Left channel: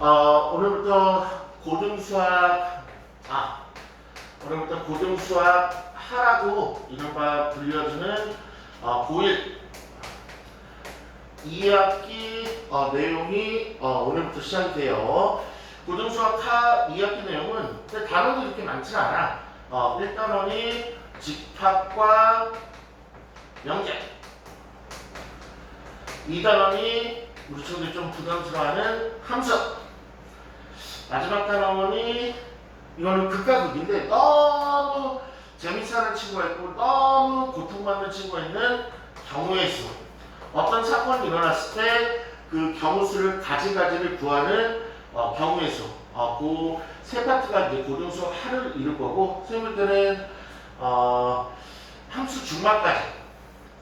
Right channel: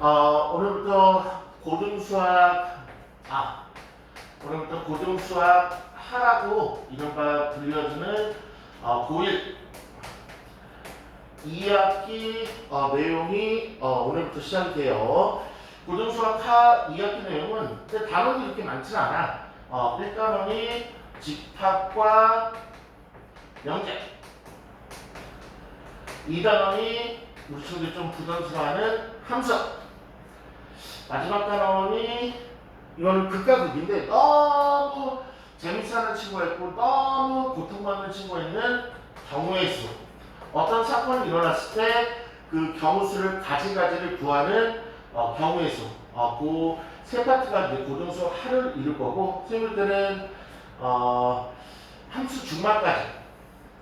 오늘부터 고등수학, 오늘부터 고등수학 하라고 이른바 불려주는 고1 2학기 내용이 오늘부터 시작이 돼요. 고등수학 하 2학기 내용은 단원이 그렇게 많지는 않아. 1단원이 집합과 영재, 2단원이 우리 친구들이 좀 부담스러워하는 함수, 마지막 단원이 이거는 극과 극인데 너무 재밌어하는 친구가 있고 너무 고통받는 친구가 있는 경우의 수. 어떤 사건이 일어났을 때 그 경우 수를 가지가지를 구하는 경우의 수. 그 세 파트가 이제 고등수 하를 이룰 거고, 선생님 때는 함수 중반까지,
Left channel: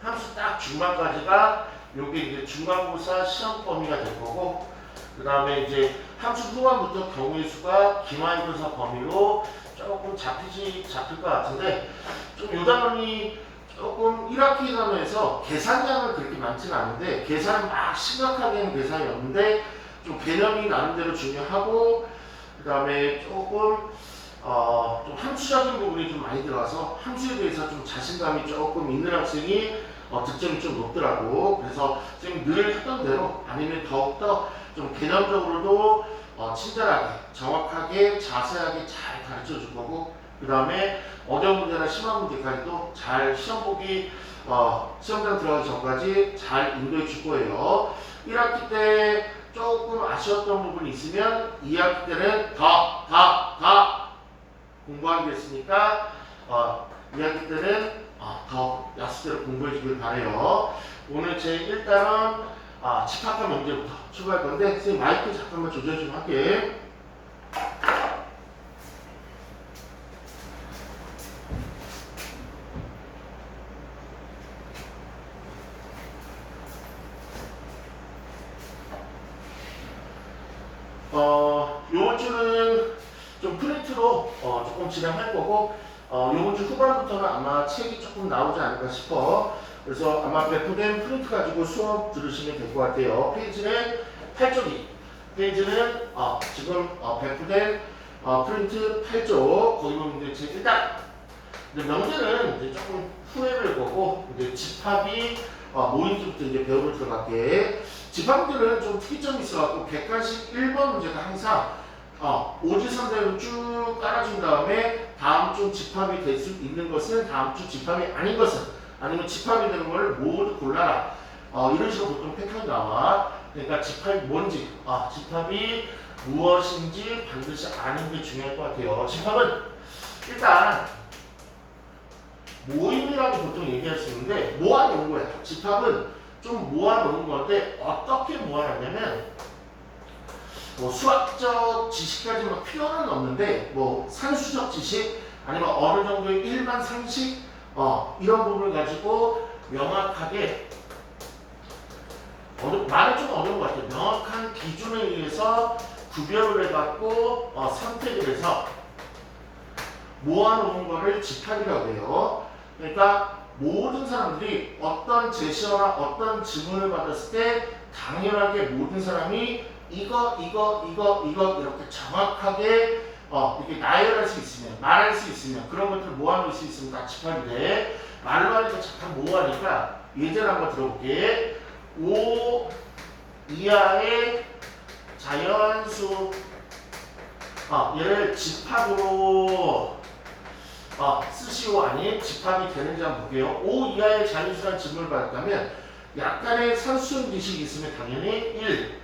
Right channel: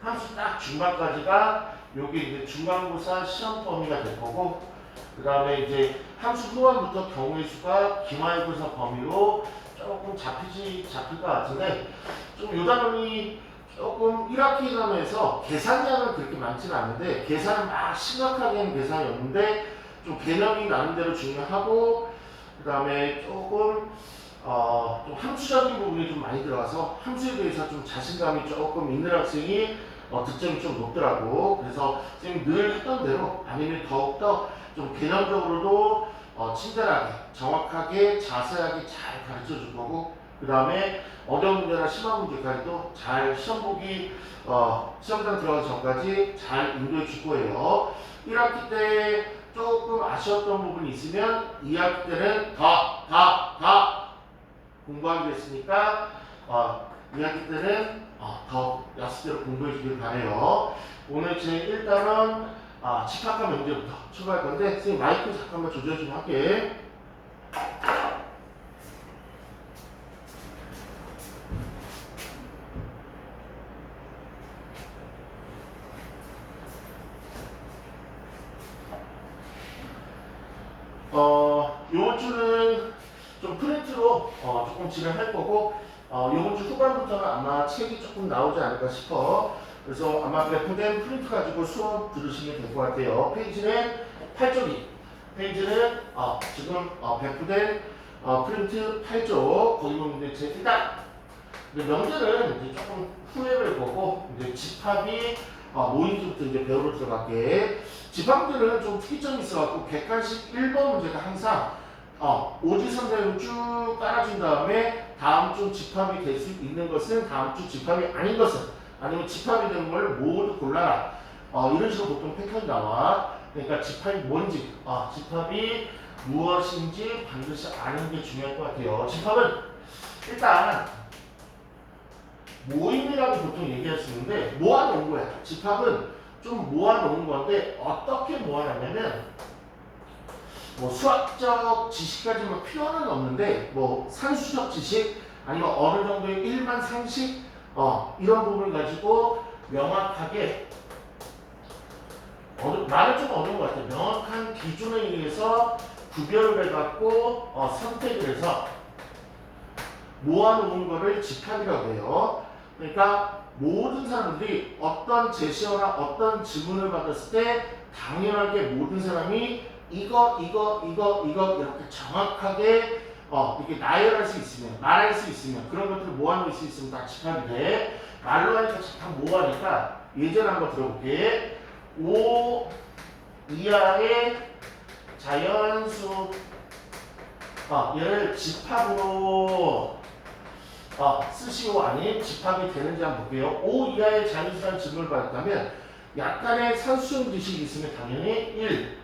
함수 딱 중반까지가 요게 이제 중간고사 시험 범위가 될 거고, 그 다음에 이제 함수 후반부터 경우의 수가 기말고사 범위로 조금 잡힐 것 같은데, 좀 요 단원이 조금 1학기 단원에서 계산량은 그렇게 많지는 않은데, 계산 막 심각하게 하는 계산이 없는데 좀 개념이 나름대로 중요하고, 그 다음에 조금 좀 함수적인 부분이 좀 많이 들어가서 함수에 대해서 좀 자신감이 조금 있는 학생이 득점이 좀 높더라고. 그래서 선생님이 늘 했던 대로 아니면 더욱더 좀 개념적으로도 친절하게, 정확하게, 자세하게 잘 가르쳐 줄 거고, 그 다음에 어려운 문제나 심한 문제까지도 잘 시험 보기, 시험장 들어가기 전까지 잘 인도해 줄 거예요. 1학기 때 조금 아쉬웠던 부분이 있으면 2학기 때는 더 공부하게 됐으니까 2학기 때는 더 약속대로 공부해 주길 바래요. 오늘 제 1단원 집합과 명제부터 출발할 건데, 선생님 마이크 잠깐만 조절 좀 할게. 요번 주는 좀 프린트로 조금 진행할 거고, 요번 주 후반부터는 아마 책이 조금 나오지 않을까 싶어. 그래서 아마 배포된 프린트 가지고 수업 들으시면 될 것 같아요. 페이지는 8쪽이. 페이지는 지금 배포된 프린트 8쪽. 거기 보면 이제 일단 명제는 이제 조금 후에 뵐 거고, 이제 집합이 모임부터 이제 배우러 들어갈게. 집합들은 좀 특이점이 있어갖고 객관식 1번 문제가 항상 오지선대로 쭉 깔아준 다음에 다음 주 집합이 될 수 있는 것은 다음 주 집합이 아닌 것은, 아니면 집합이 되는 걸 모두 골라라. 이런 식으로 보통 패턴이 나와. 그러니까 집합이 뭔지, 집합이 무엇인지 반드시 아는 게 중요할 것 같아요. 집합은 일단 모임이라고 보통 얘기할 수 있는데 모아놓은 거야. 집합은 좀 모아놓은 건데 어떻게 모아놨냐면, 뭐 수학적 지식까지만 필요는 없는데 뭐 산수적 지식 아니면 어느 정도의 일반 상식 이런 부분을 가지고 명확하게, 말은 좀 어려운 것 같아요. 명확한 기준에 의해서 구별을 해갖고 선택을 해서 모아놓은 거를 집합이라고 해요. 그러니까 모든 사람들이 어떤 제시어나 어떤 질문을 받았을 때 당연하게 모든 사람이 이거 이렇게 정확하게 이렇게 나열할 수 있으면, 말할 수 있으면, 그런 것들을 모아놓을 수 있으면 다 집합이 돼. 말로 하니까 잠깐 모호하니까 예제를 한번 들어볼게. 5 이하의 자연수, 얘를 집합으로 쓰시오 아닌 집합이 되는지 한번 볼게요. 5 이하의 자연수라는 질문을 받았다면 약간의 산수적 지식이 있으면 당연히 1,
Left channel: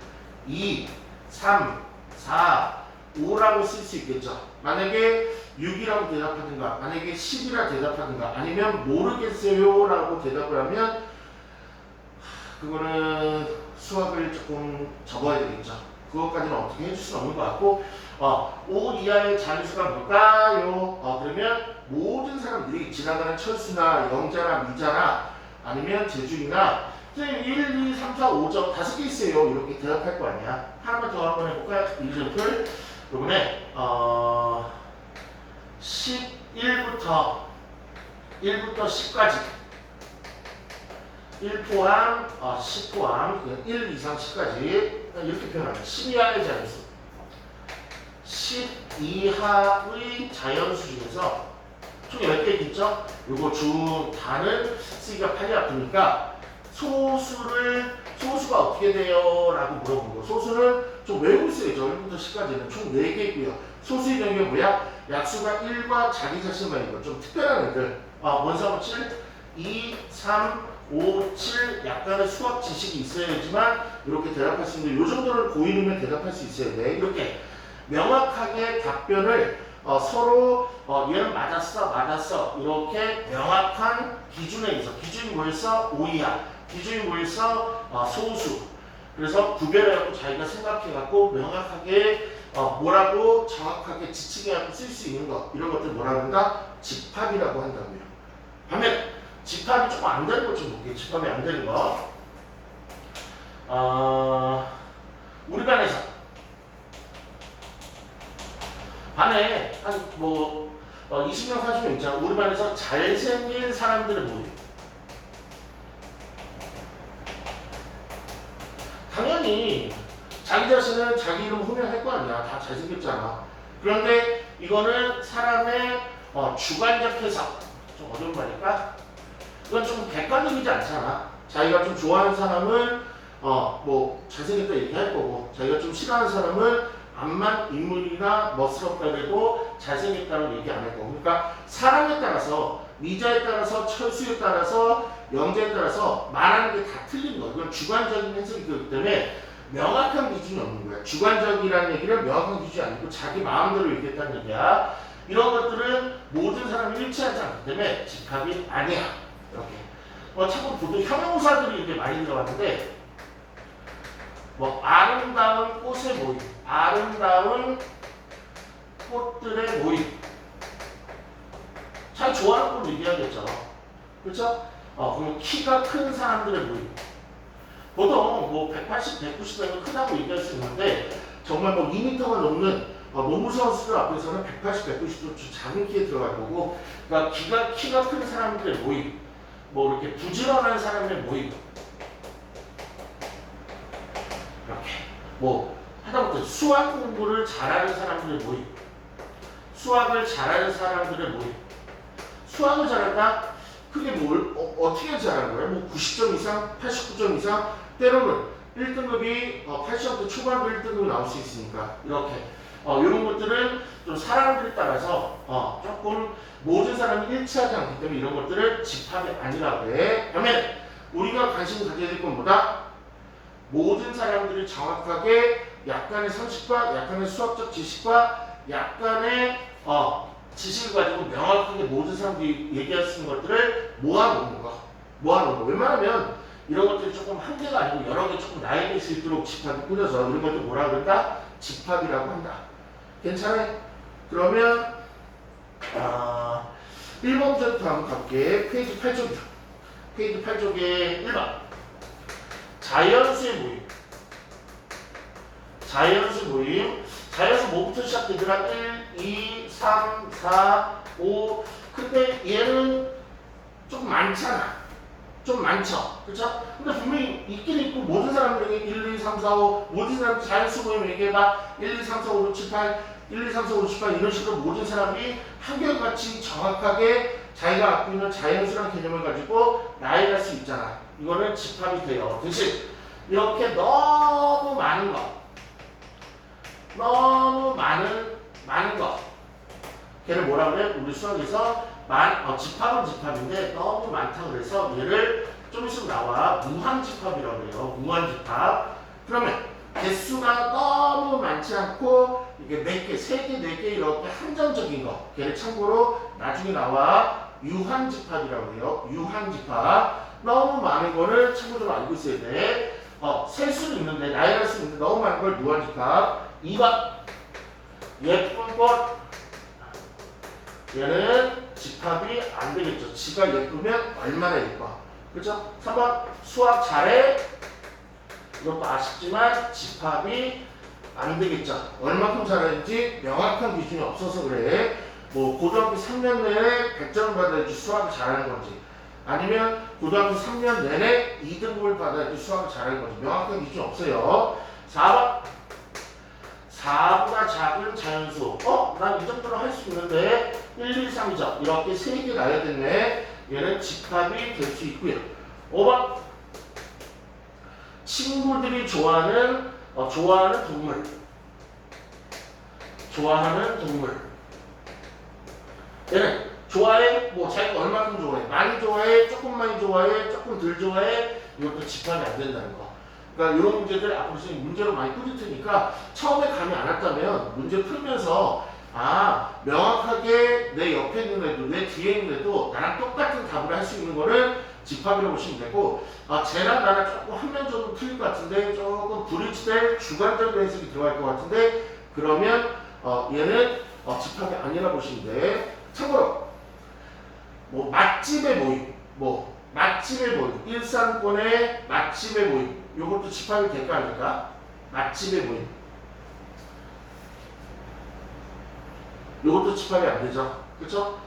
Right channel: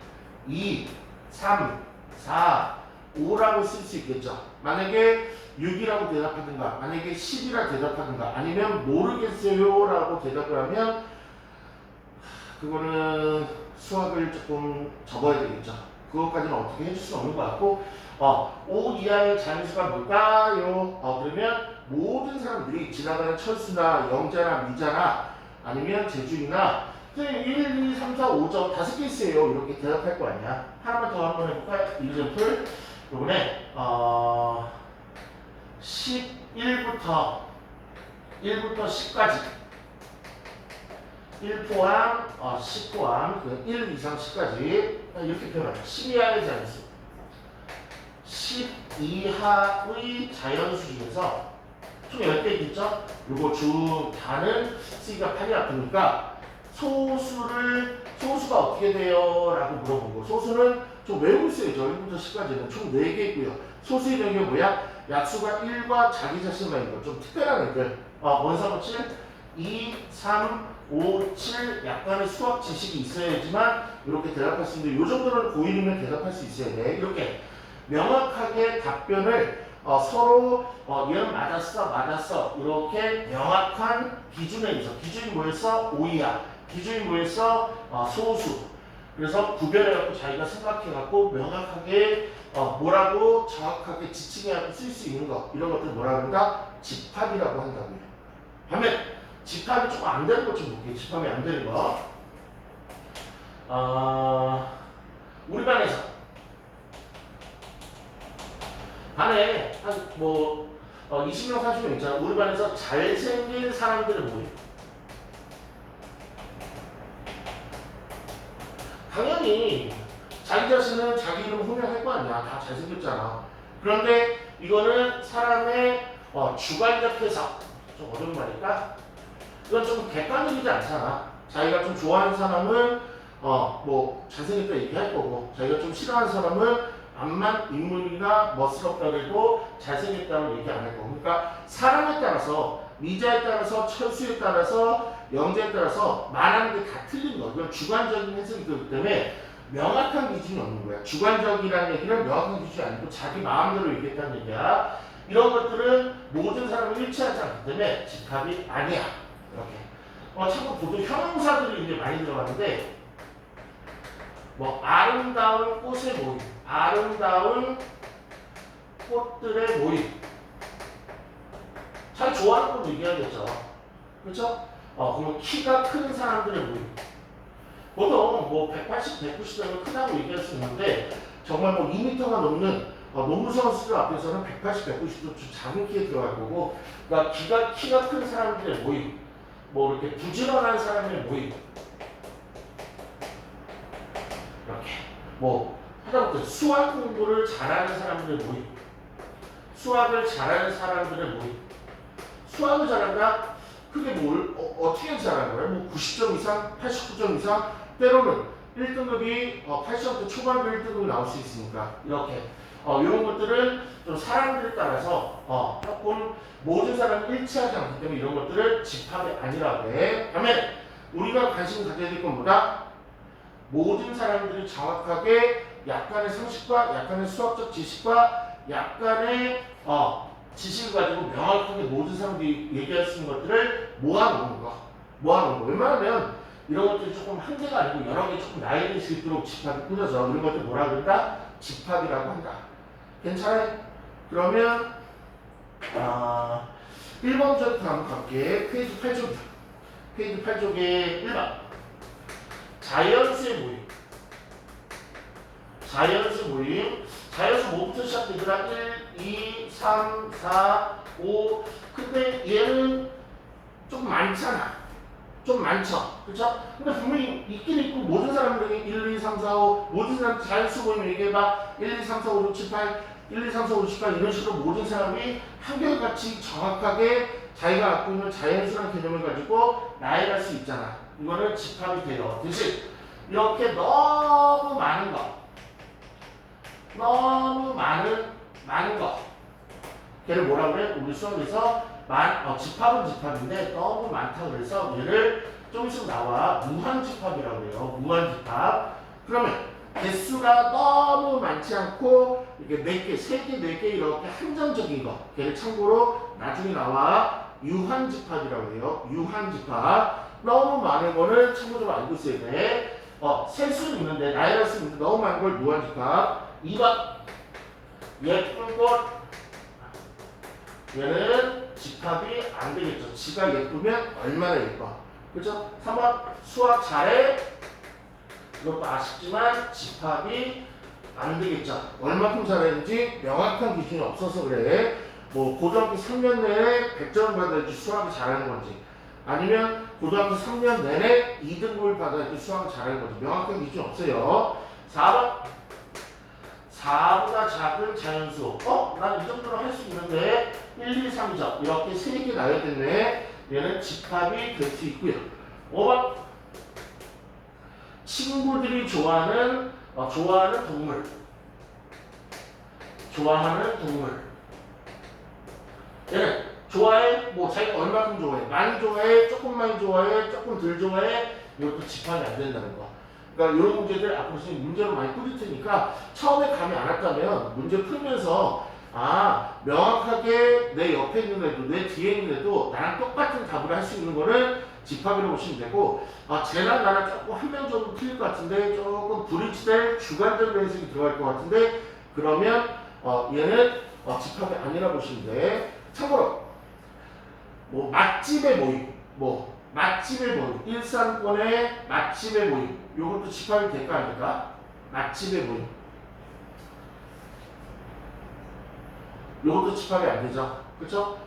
2, 3, 4, 5라고 쓸 수 있겠죠. 만약에 6이라고 대답하든가, 만약에 10이라고 대답하든가, 아니면 모르겠어요 라고 대답을 하면 그거는 수학을 조금 접어야 되겠죠. 그것까지는 어떻게 해줄 수는 없는 것 같고, 5 이하의 자연수가 뭘까요? 그러면 모든 사람들이 지나가는 철수나 영자나 미자나 아니면 제주이나 1, 2, 3, 4, 5점 5개 있어요. 이렇게 대답할 거 아니야. 하나만 더 한번 해볼까요? 일점풀. 이번에 11부터 10까지 1 포함, 10 포함, 1 이상 10까지 이렇게 표현합니다. 10 이하의 자연수. 10 이하의 자연수 중에서 총 10개 있죠? 요거 중 다는 C가 8이 아프니까 소수가 어떻게 돼요? 라고 물어보고 소수는 좀 외우고 있어요. 1부터 10까지는 총 4개 있고요. 소수의 정의가 뭐야? 약수가 1과 자기 자신만 있고 좀 특별한 애들 원상호 7, 2, 3, 5, 7 약간의 수학 지식이 있어야지만 이렇게 대답할 수 있는데 이 정도는 고1이면 대답할 수 있어야 돼. 이렇게 명확하게 답변을 서로 얘는 맞았어 이렇게 명확한 기준에 의해서 기준이 뭐였어? 오이야. 기준이 뭐였어? 소수. 그래서 구별해갖고 자기가 생각해갖고 명확하게 뭐라고 정확하게 지칭해갖고 쓸 수 있는 것 이런 것들 뭐라 그런다? 집합이라고 한다고요. 반면 집합이 조금 안 되는 것 좀 볼게요. 집합이 안 되는 거. 우리 반에 한 뭐 20명 40명 있잖아. 우리 반에서 잘생긴 사람들의 모임. 당연히 자기 자신은 자기 이름 호명할 거 아니야. 다 잘생겼잖아. 그런데 이거는 사람의 주관적 해석. 좀 어려운 말일까? 이건 좀 객관적이지 않잖아. 자기가 좀 좋아하는 사람은 뭐 잘생겼다 얘기할 거고 자기가 좀 싫어하는 사람은 암만 인물이나 멋스럽다 그리고 잘생겼다고 얘기 안 할 거고 그러니까 사람에 따라서 미자에 따라서 철수에 따라서 영자에 따라서 말하는 게 다 틀린 거. 그건 주관적인 해석이 그렇기 때문에 명확한 기준이 없는 거야. 주관적이라는 얘기는 명확한 기준이 아니고 자기 마음대로 얘기했다는 얘기야. 이런 것들은 모든 사람이 일치하지 않기 때문에 집합이 아니야. 이렇게. 참고 보통 형용사들이 이제 많이 들어가는데 뭐 아름다운 꽃의 모임, 아름다운 꽃들의 모임. 잘 좋아하는 건 얘기하겠죠. 그렇죠? 그럼 키가 큰 사람들의 모임. 보통 뭐 180, 190 되면 크다고 얘기할 수 있는데 정말 뭐 2m가 넘는 농구 선수들 앞에서는 180, 190도 작은 키에 들어갈 거고 그러니까 키가 큰 사람들의 모임. 뭐 이렇게 부지런한 사람의 모임. 이렇게 뭐 하다못해 수학 공부를 잘하는 사람들의 모임. 수학을 잘하는 사람들의 모임. 수학을 잘한다? 그게 뭘 어떻게 잘하는 거야? 뭐 90점 이상, 89점 이상, 때로는 1등급이 80점대 초반도 1등급이 나올 수 있으니까 이렇게 이런 것들은 좀 사람들에 따라서 조금 모든 사람이 일치하지 않기 때문에 이런 것들을 집합이 아니라고 해. 반면에 우리가 관심 가져야 될 건 뭐다? 모든 사람들이 정확하게 약간의 상식과 약간의 수학적 지식과 약간의 지식을 가지고 명확하게 모든 사람들이 얘기할 수 있는 것들을 모아놓는 거. 웬만하면 이런 것들이 조금 한 개가 아니고 여러 개 조금 나열될 수 있도록 집합이 꾸려져. 이런 것들 뭐라 그럴까? 집합이라고 한다. 괜찮아요? 그러면 1번부터 한번 갈게. 페이지 8쪽이다. 페이지 8쪽에 1번. 자연수의 모임. 자연수 모임. 자연수 뭐부터 시작되더라? 1, 2, 3, 4, 5. 근데 얘는 좀 많잖아. 좀 많죠. 그렇죠? 근데 분명히 있긴 있고 모든 사람들에게 1, 2, 3, 4, 5 모든 사람 자연수 모임 얘기해봐. 1, 2, 3, 4, 5, 6, 7, 8 1, 2, 3, 4, 5, 6, 7, 8 이런 식으로 모든 사람이 한결같이 정확하게 자기가 갖고 있는 자연수란 개념을 가지고 나열할 수 있잖아. 이거는 집합이 돼요. 대신 이렇게 너무 많은 거 걔를 뭐라 그래? 우리 수학에서 집합은 집합인데 너무 많다 그래서 얘를 좀 있으면 나와 무한집합이라고 해요. 무한집합. 그러면 개수가 너무 많지 않고 이게 4개, 3개, 4개 이렇게 한정적인 거. 걔를 참고로 나중에 나와 유한집합이라고 해요. 유한집합. 너무 많은 거를 참고적으로 알고 있어야 돼. 셀 수는 있는데 나열할 수 있는데 너무 많은 걸 무한집합. 2번 예쁜 꽃. 얘는 집합이 안 되겠죠. 지가 예쁘면 얼마나 예뻐. 그렇죠? 3번 수학 잘해. 이것도 아쉽지만 집합이 안 되겠죠. 얼마큼 잘하는지 명확한 기준이 없어서 그래. 뭐 고등학교 3년 내내 100점을 받아야지 수학을 잘하는 건지 아니면 고등학교 3년 내내 2등급을 받아야지 수학을 잘하는 건지 명확한 기준이 없어요. 4번 4보다 작은 자연수. 난 이 정도로 할 수 있는데 1, 2, 3, 4 이렇게 3개 나야겠네. 얘는 집합이 될 수 있고요. 5번 친구들이 좋아하는 동물. 좋아하는 동물. 얘는 좋아해? 뭐 자기가 얼마큼 좋아해? 많이 좋아해? 조금 많이 좋아해? 조금 덜 좋아해? 이것도 집합이 안 된다는 거. 그러니까 이런 문제들 앞으로 선생님 문제로 많이 풀릴 테니까 처음에 감이 안 왔다면 문제 풀면서 명확하게 내 옆에 있는 애도 내 뒤에 있는 애도 나랑 똑같은 답을 할 수 있는 거를 집합이라고 보시면 되고 쟤랑 나랑 조금 한 면 정도 틀릴 것 같은데 조금 브릿지될 주관적인 해석이 들어갈 것 같은데 그러면 얘는 집합이 아니라고 보시면 돼. 참고로 뭐 맛집의 모임 맛집의 모임 일산권의 맛집의 모임 요것도 집합이 될까 안 될까? 맛집의 모임 요것도 집합이 안 되죠. 그쵸?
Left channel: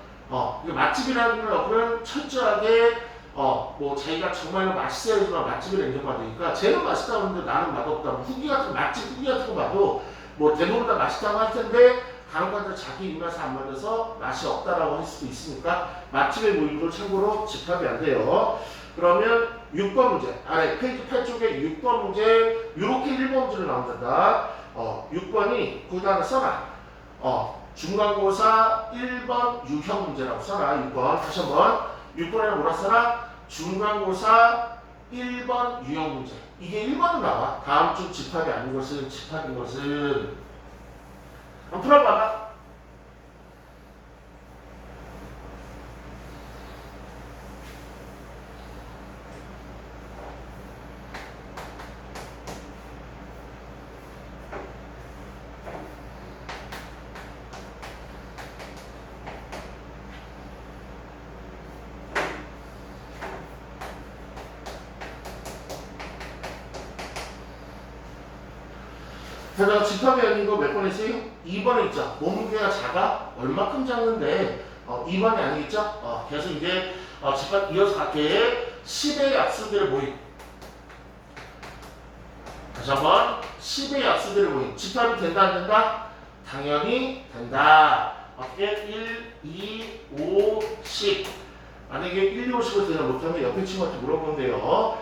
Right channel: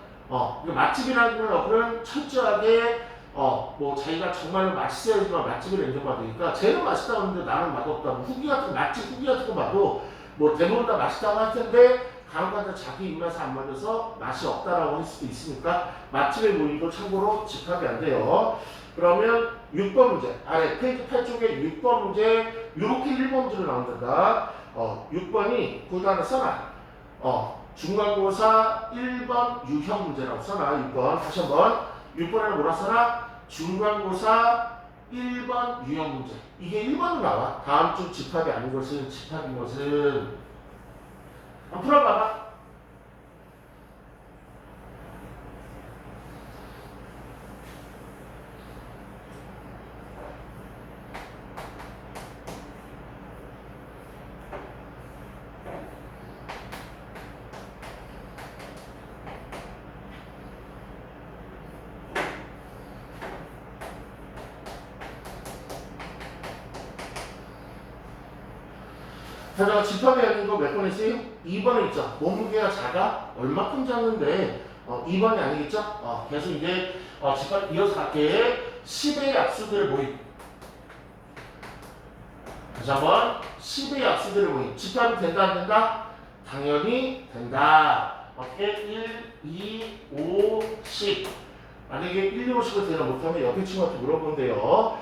맛집이라는 어플은 철저하게 뭐 자기가 정말로 맛있어야지만 맛집을 인정받으니까 쟤는 맛있다고 하는데 나는 맛없다. 뭐 후기 같은 맛집 후기 같은 거 봐도 뭐 대부분 다 맛있다고 할 텐데 간혹가다 자기 입맛에 안 맞아서 맛이 없다라고 할 수도 있으니까 맛집의 모임도 참고로 집합이 안 돼요. 그러면 6번 문제 아래 페이지 8쪽에 6번 문제 이렇게 1번 문제로 나온다. 6번이 거기다 하나 써놔. 중간고사 1번 유형 문제라고 써놔. 6번 다시 한번 6번에는 뭐라 써놔? 중간고사 1번 유형 문제. 이게 1번으로 나와. 다음 주 집합이 아닌 것은 집합인 것은 한번 풀어봐봐. 자, 집합이 아닌 거 몇 번 했어요? 2번에 있죠. 몸무게가 작아? 얼마큼 작는데 2번이 아니겠죠? 계속 이제 집합 이어서 갈게. 10의 약수들의 모임. 다시 한번 10의 약수들의 모임. 집합이 된다 안 된다? 당연히 된다. 어떻게? 1, 2, 5, 10. 만약에 1, 2, 5, 10을 대답 못하면 옆에 친구한테 물어보면 돼요.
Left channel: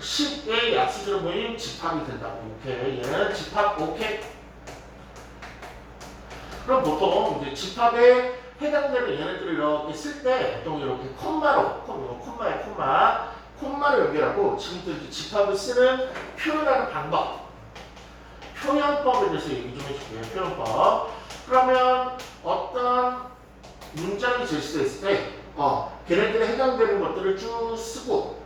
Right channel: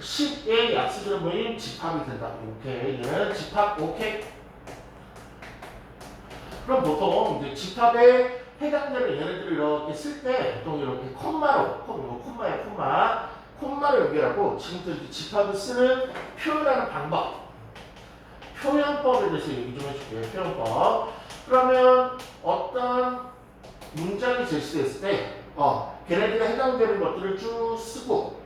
10의 약수들의 모임 집합이 된다. 오케이. 얘는 집합 오케이. 그럼 보통 이제 집합에 해당되는 얘네들을 이렇게 쓸 때 보통 이렇게 콤마로 연결하고 지금부터 이렇게 집합을 쓰는 표현하는 방법. 표현법에 대해서 얘기 좀 해줄게요. 표현법. 그러면 어떤 문장이 제시됐을 때 걔네들에 해당되는 것들을 쭉 쓰고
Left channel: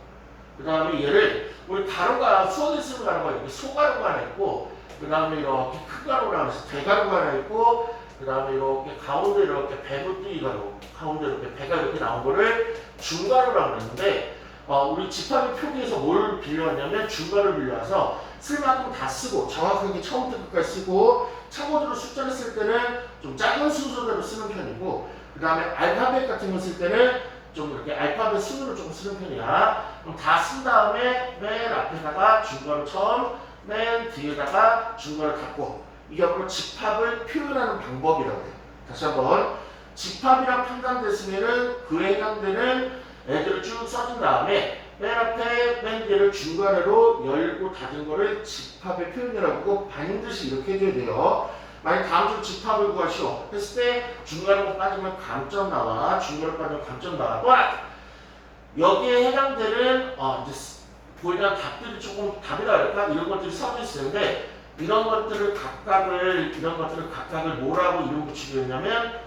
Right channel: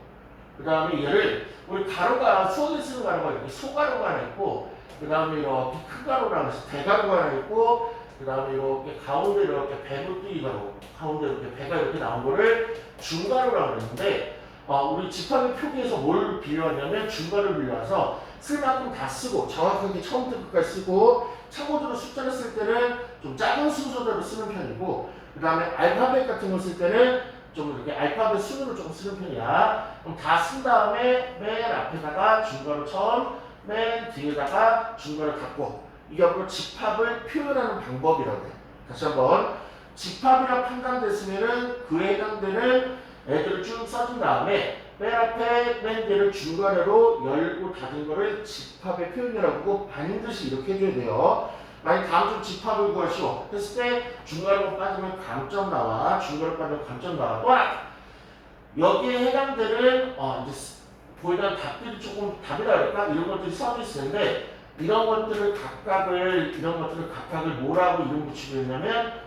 그 다음에 얘를 우리 가로가 수학에 쓰는 가로가 이렇게 소가로가 하나 있고 그 다음에 이렇게 큰 가로가 하나 있고 대가로가 하나 있고 그 다음에 이렇게 가운데 이렇게 배분뜨기 가로 가운데 이렇게 배가 이렇게 나온 거를 중가로라고 하는데 우리 집합의 표기에서 뭘 빌려왔냐면 중가를 빌려와서 쓸 만큼 다 쓰고 정확하게 처음부터 끝까지 쓰고 참고적으로 숫자를 쓸 때는 좀 작은 순서대로 쓰는 편이고 그 다음에 알파벳 같은 거 쓸 때는 좀 이렇게 알파벳 순으로 조금 쓰는 편이야. 그럼 다 쓴 다음에 맨 앞에다가 중괄호 처음, 맨 뒤에다가 중괄호 닫고 이게 바로 집합을 표현하는 방법이라고 해. 다시 한번 집합이라 판단됐으면은 그에 해당되는 애들을 쭉 써준 다음에 맨 앞에 맨 뒤를 중괄호로 열고 닫은 거를 집합의 표현이라고 하고 반드시 이렇게 해줘야 돼요. 만약 다음 주 집합을 구하시오 했을 때 중괄호가 빠지면 감점 나와. 중괄호 빠지면 감점 나와. 또 하나 여기에 해당되는 이제 보이는 답들이 조금 답이라 할까 이런 것들이 써져 있는데 이런 것들을 각각을 뭐라고 이름 붙이기로 했냐면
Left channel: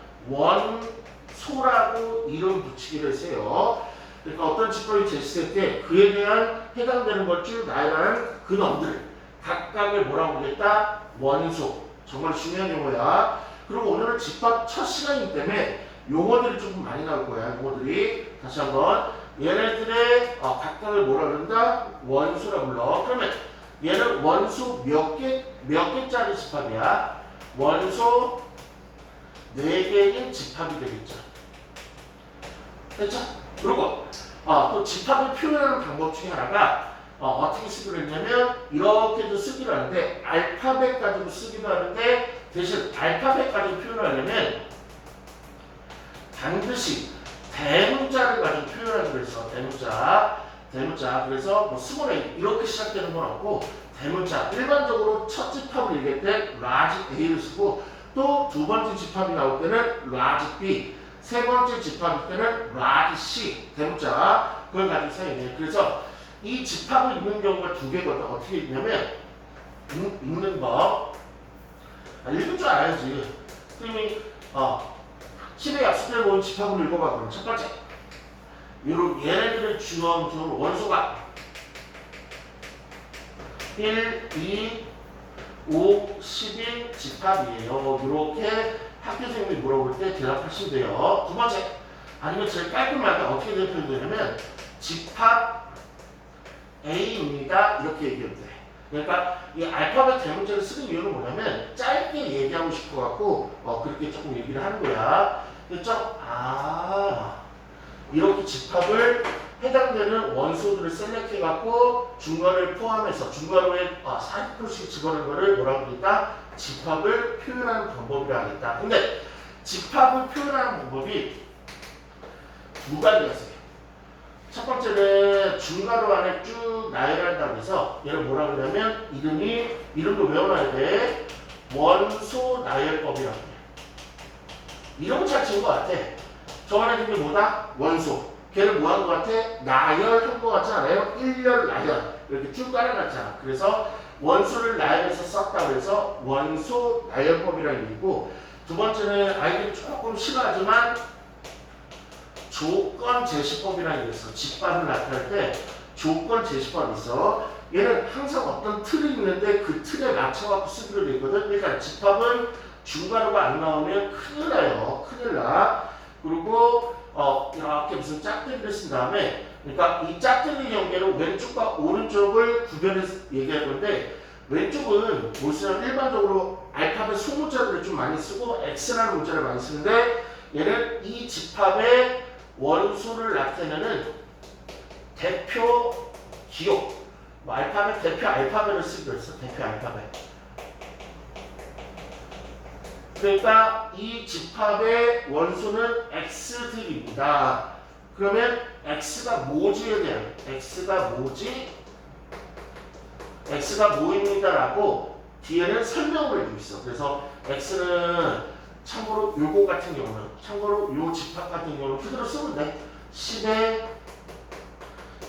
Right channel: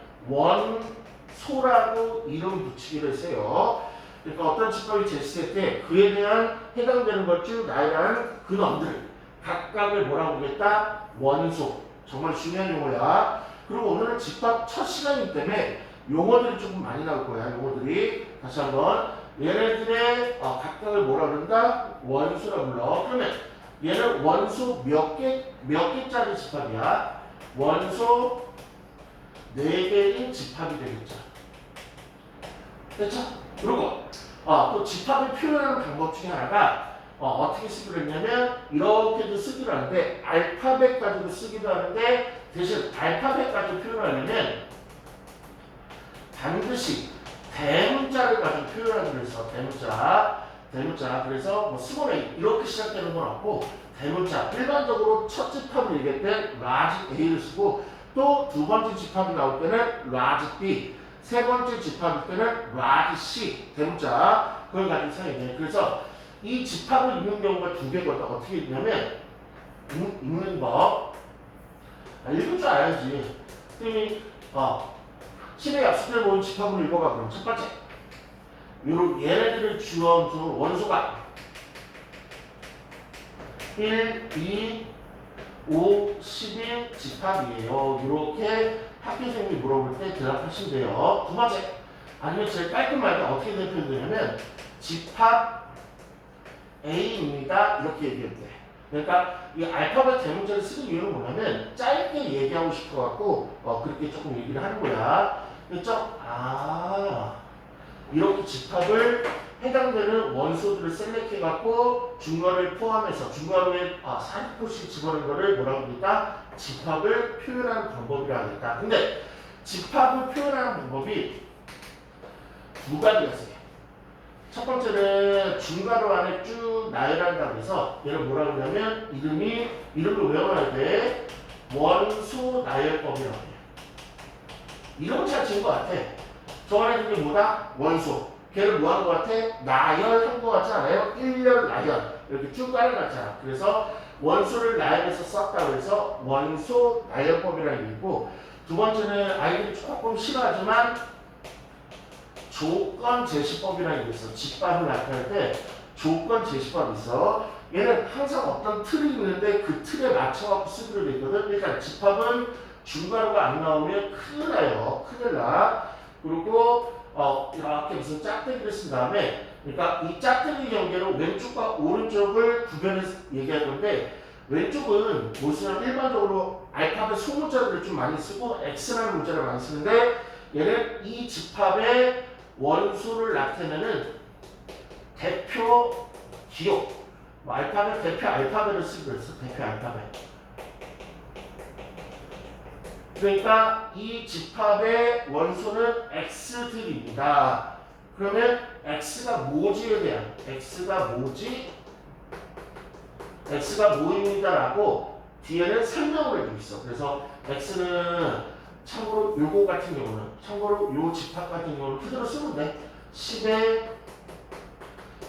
원소라고 이름 붙이기로 했어요. 그러니까 어떤 집합이 제시될 때 그에 대한 해당되는 것 중 나열한 근원들 각각을 뭐라고 하겠다? 원소. 정말 중요한 용어야. 그리고 오늘은 집합 첫 시간이기 때문에 용어들이 조금 많이 나올 거야. 용어들이 다시 한번 얘네들의 각각을 뭐라 그런다? 원소라 불러. 그러면 얘는 원소 몇 개짜리 집합이야? 원소 4개인 집합이 되겠죠. 됐죠? 그리고 또 집합을 표현하는 방법 중에 하나가 어떻게 쓰기로 했냐면 이렇게도 쓰기로 하는데 알파벳 가지고 쓰기도 하는데 대신 알파벳 가지고 표현하려면 반드시 대문자를 가지고 표현하기로 해서 대문자 그래서 뭐 수번에 이렇게 시작되는 건 없고 대문자 일반적으로 첫 집합을 얘기할 때 라지 A를 쓰고 또 두 번째 집합이 나올 때는 라지 B 세 번째 집합일 때는 라지 C 대문자 그걸 가지고 사용해요. 그래서 이 집합을 읽는 경우가 두 개거든. 어떻게 읽냐면 읽는 법 읽을 줄 알아야지. 그러니 10의 약수들 모은 집합을 읽어봐. 그럼 첫 번째 요런 얘네들의 주어 원소가 1, 2, 5, 10인 집합이에요. 이렇게 학교 선생님이 물어볼 때 대답하시면 돼요. 두 번째 아니면 제일 깔끔하게 어떻게 대표되냐면 집합 A입니다. 이렇게 얘기해도 돼. 그러니까 이 알파벳 대문자를 쓰는 이유는 뭐냐면 짧게 얘기하고 싶어갖고 그렇게 조금 얘기를 하는 거야. 그렇죠? 이렇게 집합을 해당되는 원소들을 셀렉해갖고 중괄호를 포함해서 중괄호에 40%씩 집어넣은 거를 뭐라고 그러니까 집합을 표현하는 방법이라 하겠다. 근데 집합을 표현하는 방법이 두 가지가 있어요. 첫 번째는 중괄호 안에 쭉 나열한다고 해서 얘를 뭐라 그러냐면 이름도 외워놔야 돼. 원소 나열법이라고 해. 이름 잘 지은 것 같아. 저 안에 그게 뭐다? 원소. 걔를 뭐 한 것 같아? 나열한 것 같지 않아요? 일렬 나열. 이렇게 쭉 깔아놨잖아. 그래서 원소를 나열해서 썼다고 해서 원소 나열법이라는 얘기고 두 번째는 아이들이 조금 싫어하지만 조건 제시법이라는 게 있어. 집합을 나타낼 때 조건 제시법이 있어. 얘는 항상 어떤 틀이 있는데 그 틀에 맞춰갖고 쓰기로 돼 있거든. 그러니까 집합은 중괄호가 안 나오면 큰일 나요. 큰일 나. 그리고 이렇게 무슨 짝대기를 쓴 다음에 그러니까 이 짝대기 경계로 왼쪽과 오른쪽을 구별해서 얘기할 건데 왼쪽은 뭐 쓰냐면 일반적으로 알파벳 소문자들을 좀 많이 쓰고 X라는 문자를 많이 쓰는데 얘는 이 집합의 원수를 나타내는 대표 기호 알파벳 대표 알파벳을 쓰기로 했어. 대표 알파벳. 그러니까 이 집합의 원소는 X들입니다. 그러면 X가 뭐지에 대한 X가 뭐지? X가 뭐입니다라고 뒤에는 설명을 해주고 있어. 그래서 X는 참고로 요거 같은 경우는 참고로 요 집합 같은 경우는 그대로 쓰면 돼. 10의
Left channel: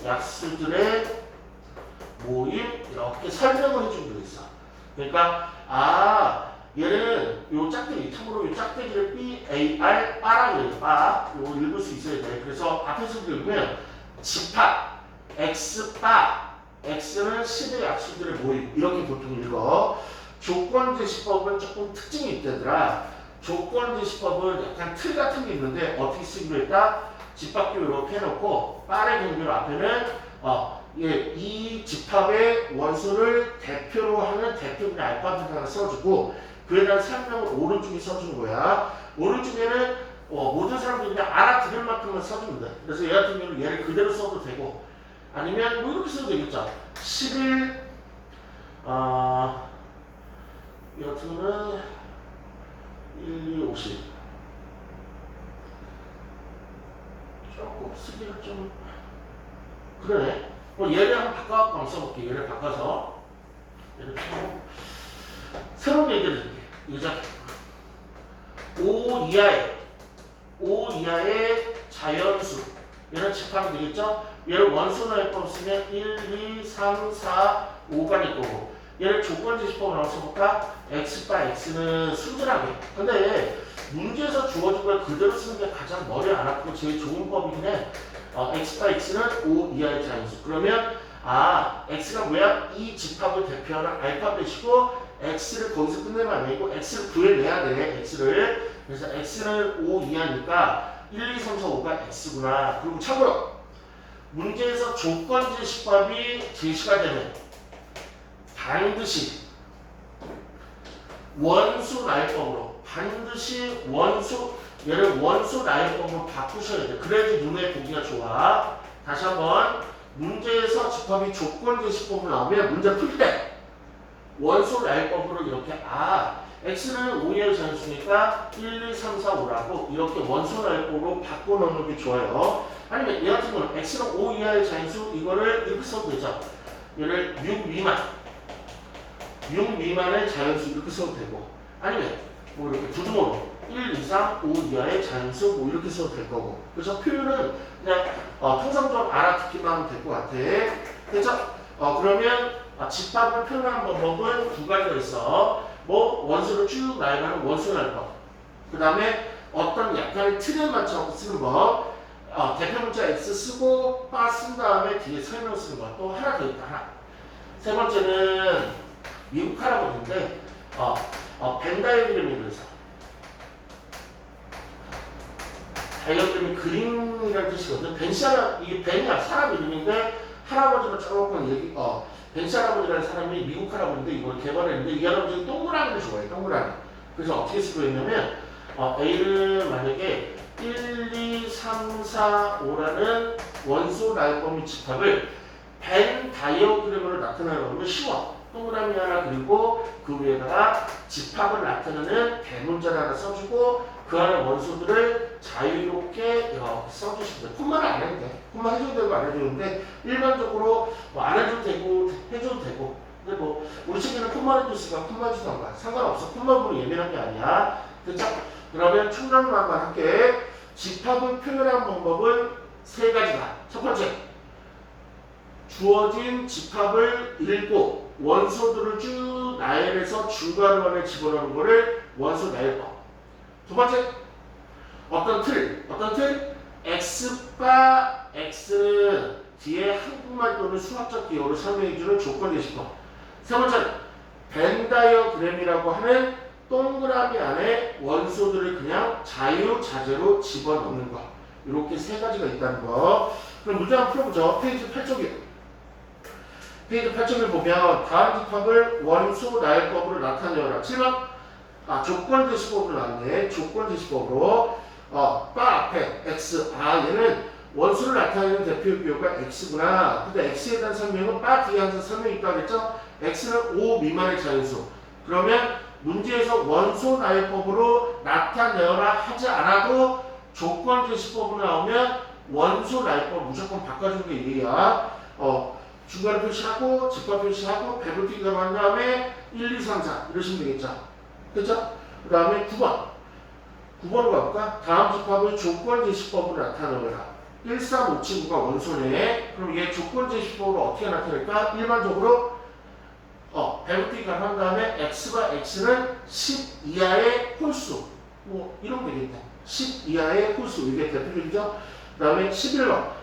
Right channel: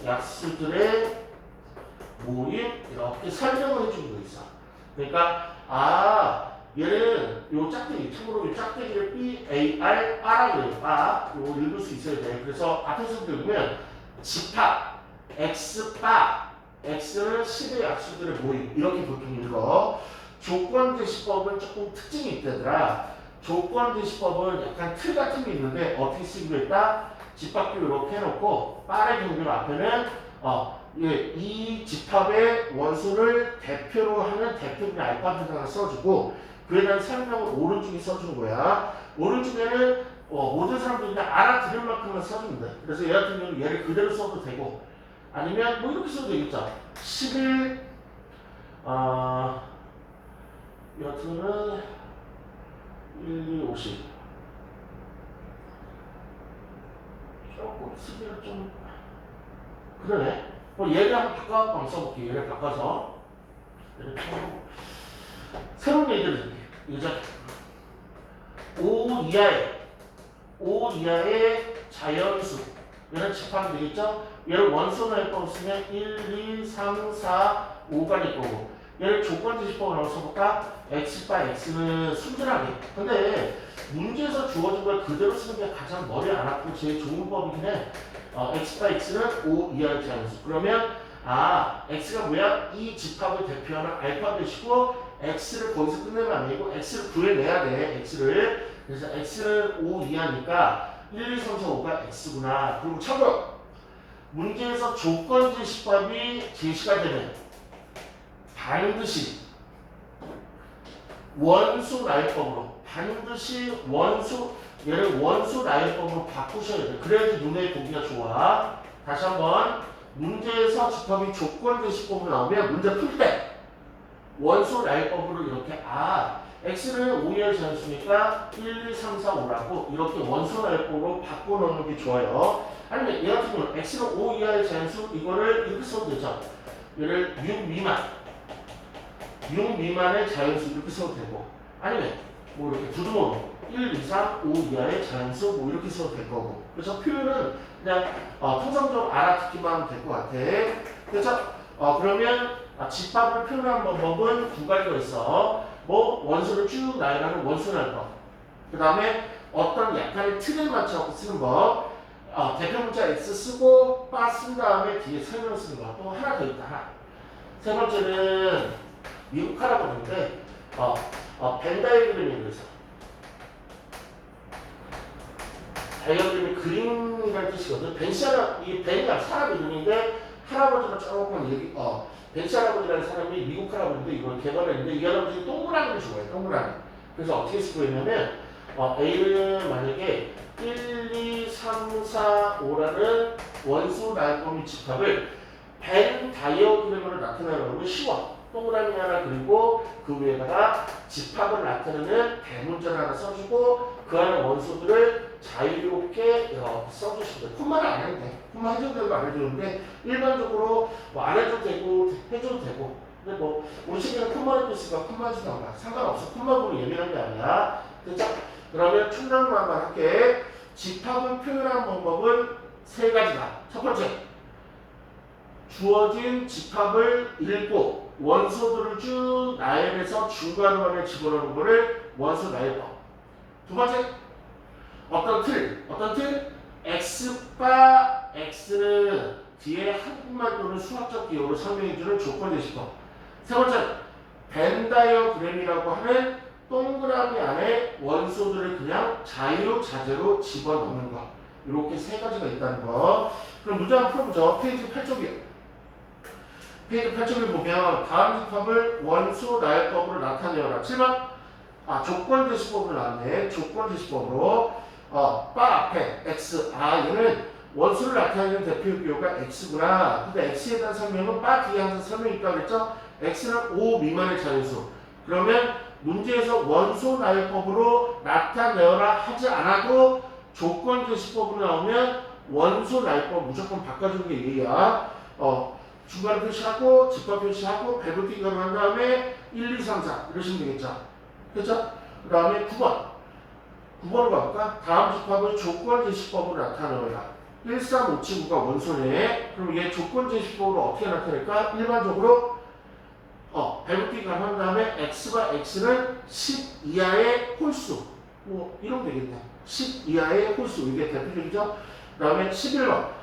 약수들의 모임 이렇게 설명을 해주고 있어. 그러니까 얘는 요 짝대기, 참고로 요 짝대기를 B, A, R, 바라고 해요. 바. 요거 읽을 수 있어야 돼. 그래서 앞에서도 읽으면 집합, X, 바, X는 10의 약수들의 모임. 이렇게 보통 읽어. 조건 제시법은 조금 특징이 있다더라. 조건 제시법은 약간 틀 같은 게 있는데 어떻게 쓰기로 했다? 집합도 이렇게 해놓고 빠른 경계로 앞에는 이 집합의 원소를 대표로 하는 대표적인 알파벳 하나 써주고 그에 대한 설명을 오른쪽에 써주는 거야. 오른쪽에는 모든 사람들이 그냥 알아들을 만큼만 써주면 돼. 그래서 얘 같은 경우는 얘를 그대로 써도 되고 아니면 뭐 이렇게 써도 되겠죠. 11 여튼은 1, 2, 50 조금 쓰기가 좀 그러네. 얘를 한번 바꿔서 한번 써볼게. 얘를 바꿔서 새로운 얘기를 드릴게. 이자 5 이하의 자연수 얘는 집합이 되겠죠? 얘를 원소나열법 쓰면 1, 2, 3, 4, 5가 될 거고 얘를 조건제시법으로 써볼까? X 바 X는 순전하게 근데 문제에서 주어진 걸 그대로 쓰는 게 가장 머리 안 아프고 제일 좋은 법이긴 해. X 바 X는 5 이하의 자연수. 그러면 X가 뭐야? 이 집합을 대표하는 알파벳이고 X를 거기서 끝내면 안 되고 X를 구해내야 돼. X를. 그래서 X는 5 이하니까 1, 2, 3, 4, 5가 X구나. 그리고 참고로 문제에서 조건제시법이 제시가 되면 반드시 원수 나열법으로 반드시 얘를 원수 나열법으로 바꾸셔야 돼. 그래야지 눈에 보기가 좋아. 다시 한번 문제에서 집합이 조건제시법으로 나오면 문제 풀 때 원소 나열법으로 이렇게 x는 5의 잔수니까 1, 2, 3, 4, 5라고 이렇게 원소 나열법으로 바꿔놓는 게 좋아요. 아니면 얘 같은 경우는 x는 5 이하의 잔수 이거를 이렇게 써도 되죠. 얘를 6 미만 6 미만의 자연수 이렇게 써도 되고 아니면 뭐 이렇게 두두모로 1, 2, 3, 5 이하의 자연수 뭐 이렇게 써도 될 거고 그래서 표현은 그냥 통상적으로 알아듣기만 하면 될 것 같아. 그래서 그러면 집합을 표현하는 방법은 두 가지가 있어. 뭐 원수를 쭉 나열하는 원수 나열법. 그 다음에 어떤 약간의 틀에 맞춰 쓰는 법. 대표 문자 X 쓰고 빠 쓴 다음에 뒤에 설명 쓰는 거. 또 하나 더 있다. 하나. 세 번째는 미국 할아버지인데 벤 다이어그램이 그래서 다이어그램이 그림이라는 뜻이거든. 이게 벤이야 사람 이름인데 할아버지가 조금 벤 할아버지라는 사람이 미국 할아버지인데 이걸 개발했는데 이 할아버지 동그라미를 좋아해. 동그라미. 그래서 어떻게 쓰고 있냐면 A를 만약에 1, 2, 3, 4, 5라는 원소 나열법 및 집합을 벤 다이어그램으로 나타내려면 쉬워. 동그라미 하나 그리고 그 위에다가 집합을 나타내는 대문자를 하나 써주고 그 안에 원소들을 자유롭게 이렇게 써주시면 돼. 콤마를 안 해도 돼. 콤마 해줘도 되고 안 해도 되는데 일반적으로 뭐 안 해도 되고 해줘도 되고 근데 뭐 우리 책에는 콤마를 줬으니까 콤마 해주던가 상관없어. 콤마 보면 예민한 게 아니야. 그죠? 그러면 충분한 말 할게. 집합을 표현하는 방법은 세 가지다. 첫 번째 주어진 집합을 읽고 원소들을 쭉 나열해서 중간원에 집어넣는 거를 원소 나열법. 두 번째 어떤 틀 x바 x는 뒤에 한국말 또는 수학적 기호를 설명해주는 조건제시법. 세 번째 벤 다이어그램이라고 하는 동그라미 안에 원소들을 그냥 자유자재로 집어넣는 거. 이렇게 세 가지가 있다는 거. 그럼 문제 한번 풀어보죠. 페이지 8쪽이에요. 페이지 8쪽을 보면 다음 집합을 원소 나열법으로 나타내어라. 7번 조건제시법으로 나왔네. 조건제시법으로 바 앞에 x 얘는 원소를 나타내는 대표 기호가 x구나. 근데 x에 대한 설명은 바 뒤에 항상 설명이 있다고 했죠. x는 5 미만의 자연수. 그러면 문제에서 원소 나열법으로 나타내어라 하지 않아도 조건제시법으로 나오면 원소 나열법 무조건 바꿔주는 게 예의야. 중간 표시하고 집합 표시하고 배분티가로 한 다음에 1, 2, 3, 4 이러시면 되겠죠. 그렇죠? 그 다음에 9번으로 가볼까? 다음 집합을 조건제시법으로 나타내라. 1, 3, 5, 7, 9가 원소네. 그럼 얘 조건제시법으로 어떻게 나타낼까? 일반적으로 배분티가로 한 다음에 x가 x는 10 이하의 홀수 뭐 이러면 되겠네. 10 이하의 홀수 이게 대표적이죠. 그 다음에 11번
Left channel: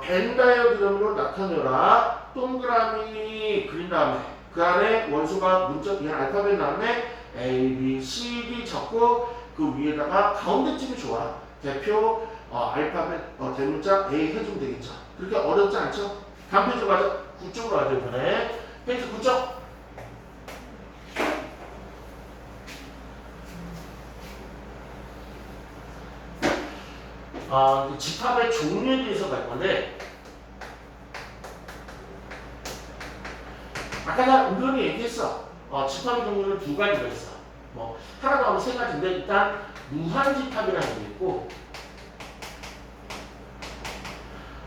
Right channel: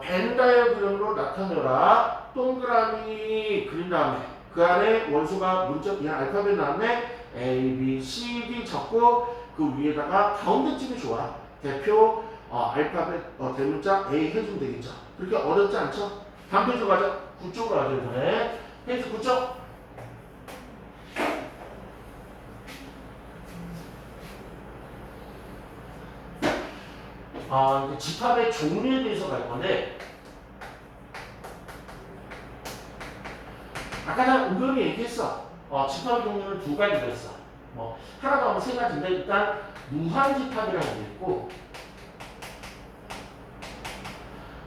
벤 다이어그램으로 나타내라. 동그라미 그린 다음에 그 안에 원소가 문자 그냥 알파벳 나왔네. A, B, C, D 적고 그 위에다가 가운데쯤이 좋아. 대표 알파벳 대문자 A 해주면 되겠죠. 그렇게 어렵지 않죠? 다음 페이지 가자. 9쪽으로 가죠 이번에. 페이지 9쪽. 집합의 종류에 대해서 갈 건데 아까 나 은근히 얘기했어. 집합의 종류는 두 가지가 있어. 뭐 하나 더 하면 세 가지인데 일단 무한집합이라는 게 있고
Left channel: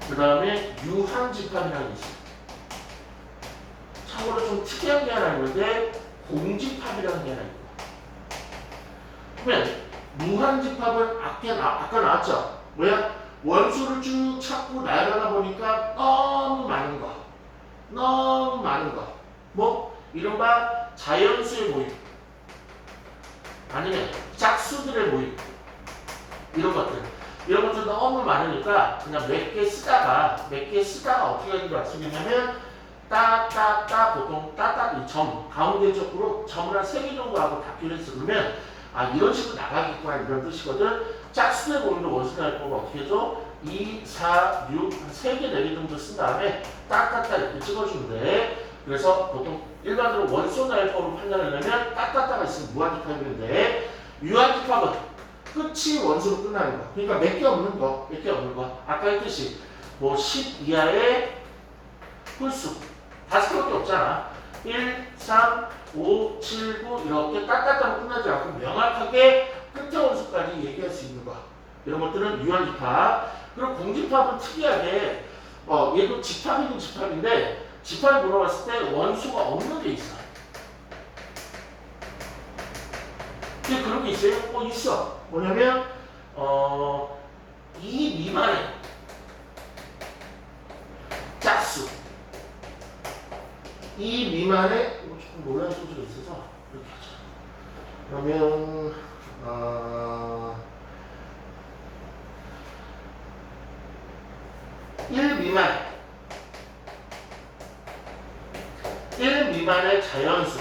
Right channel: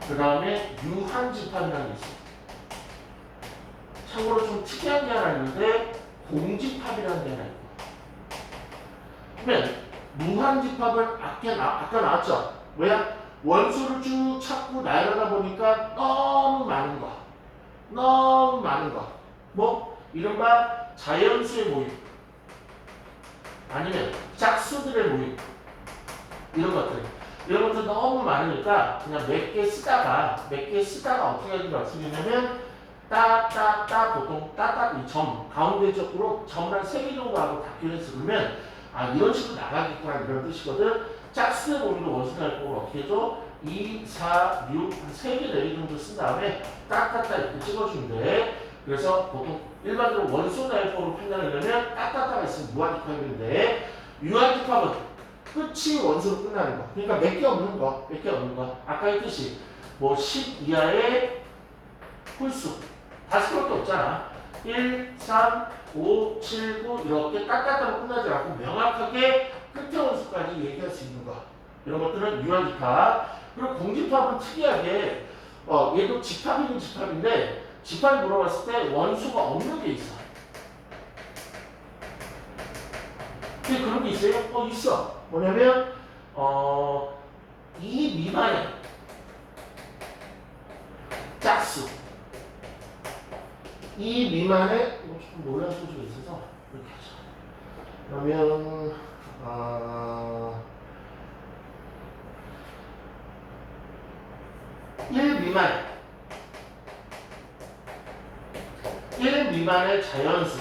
그 다음에 유한집합이라는 게 있어. 참고로 좀 특이한 게 하나 있는데 공집합이라는 게 하나 있고 그러면 무한집합은 아까 나왔죠. 뭐야? 원소를 쭉 찾고 나열하다 보니까 너무 많은 거. 뭐 이른바 자연수의 모임 아니면 짝수들의 모임 이런 것들 너무 많으니까 그냥 몇 개 쓰다가 어떻게 하는 걸 쓰냐면 따따따 보통 따따 이 점 가운데 쪽으로 점을 한 3개 정도 하고 바뀌는 그러면 이런 식으로 나가겠구나 이런 뜻이거든. 짝수의 모임으로 원수 나열법을 어떻게 해줘? 2, 4, 6, 3개, 4개 정도 쓴 다음에 따따따 이렇게 찍어주면 돼. 그래서 보통 일반적으로 원소 나열법으로 판단하려면 따따따가 있으면 무한집합인데 유한집합은 끝이 원소로 끝나는 거. 그러니까 몇 개 없는 거. 아까 했듯이 뭐 10 이하의 홀수. 5개밖에 없잖아. 1, 3, 5, 7, 9 이렇게 딱딱하게 끝나지 않고 명확하게 끝에 원수까지 얘기할 수 있는 거. 이런 것들은 유한집합. 그리고 공집합은 특이하게 얘도 집합이긴 집합인데 집합이 물어봤을 때 원수가 없는 게 있어. 근데 그런 게 있어요? 있어. 뭐냐면 2 미만의 짝수. 2 미만의 조금 논란 소지가 있어서 이렇게 하자. 그러면 1 미만 1 미만의 자연수.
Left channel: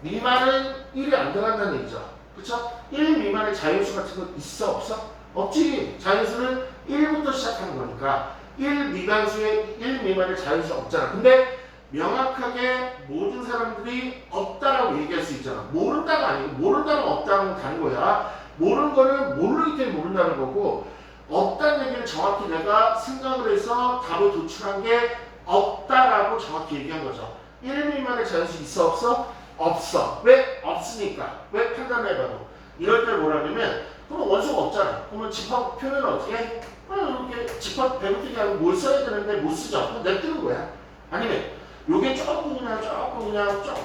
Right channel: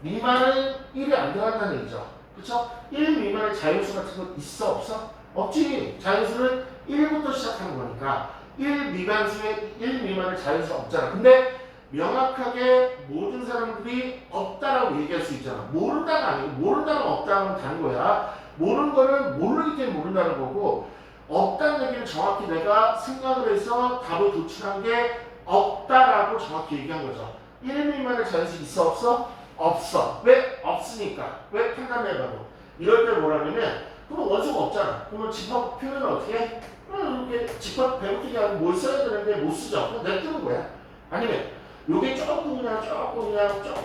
미만은 1이 안 들어간다는 얘기죠. 그쵸? 1 미만의 자연수 같은 거 있어? 없어? 없지. 자연수는 1부터 시작하는 거니까 1 미만수에 1 미만의 자연수가 없잖아. 근데 명확하게 모든 사람들이 없다라고 얘기할 수 있잖아. 모른다가 아니고 모른다는 없다는 다른 거야. 모르는 거는 모르기 때문에 모른다는 거고 없다는 얘기는 정확히 내가 생각을 해서 답을 도출한 게 없다라고 정확히 얘기한 거죠. 1 미만의 자연수 있어? 없어? 없어. 왜? 없으니까. 왜? 판단해봐도. 이럴 때 뭐라냐면 그럼 원수가 없잖아. 그러면 집합 표현은 어떻게 해? 이렇게 집합 배고프게 하고 뭘 써야 되는데 못 쓰죠. 그럼 냅두는 거야. 아니면 요게 조금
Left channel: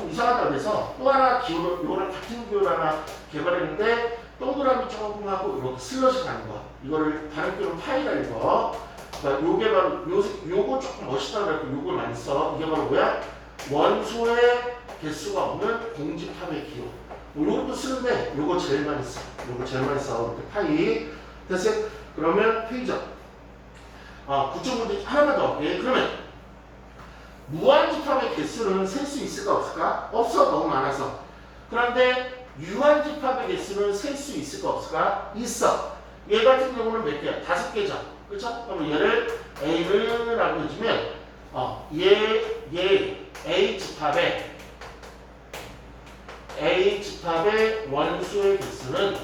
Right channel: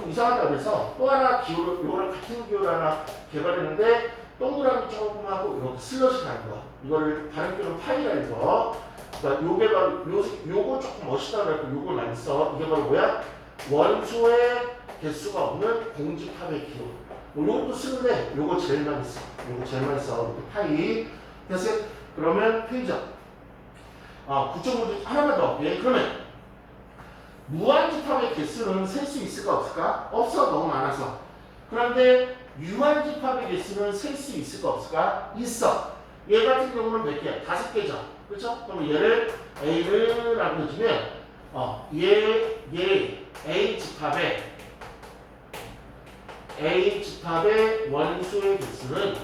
이상하다 그래서 또 하나 기호를 요거랑 같은 기호를 하나 개발했는데 동그라미 조금 하고 이렇게 슬러시 가는 거. 이거를 다른 기호로 파이라는 거. 그러니까 요게 바로 요거 조금 멋있다 그래서 요걸 많이 써. 이게 바로 뭐야? 원소의 개수가 없는 공집합의 기호. 요것도 쓰는데 요거 제일 많이 써. 요거 제일 많이 써. 이렇게 파이. 됐어요? 그러면 페이저. 9.5 하나만 더. 예, 그러면 무한집합의 개수는 셀 수 있을까 없을까? 없어. 너무 많아서. 그런데 유한집합의 개수는 셀 수 있을까 없을까? 있어. 얘 같은 경우는 몇 개야? 5개죠. 그렇죠? 그럼 얘를 A를 라고 해주면 얘 A집합의 원수의 개수는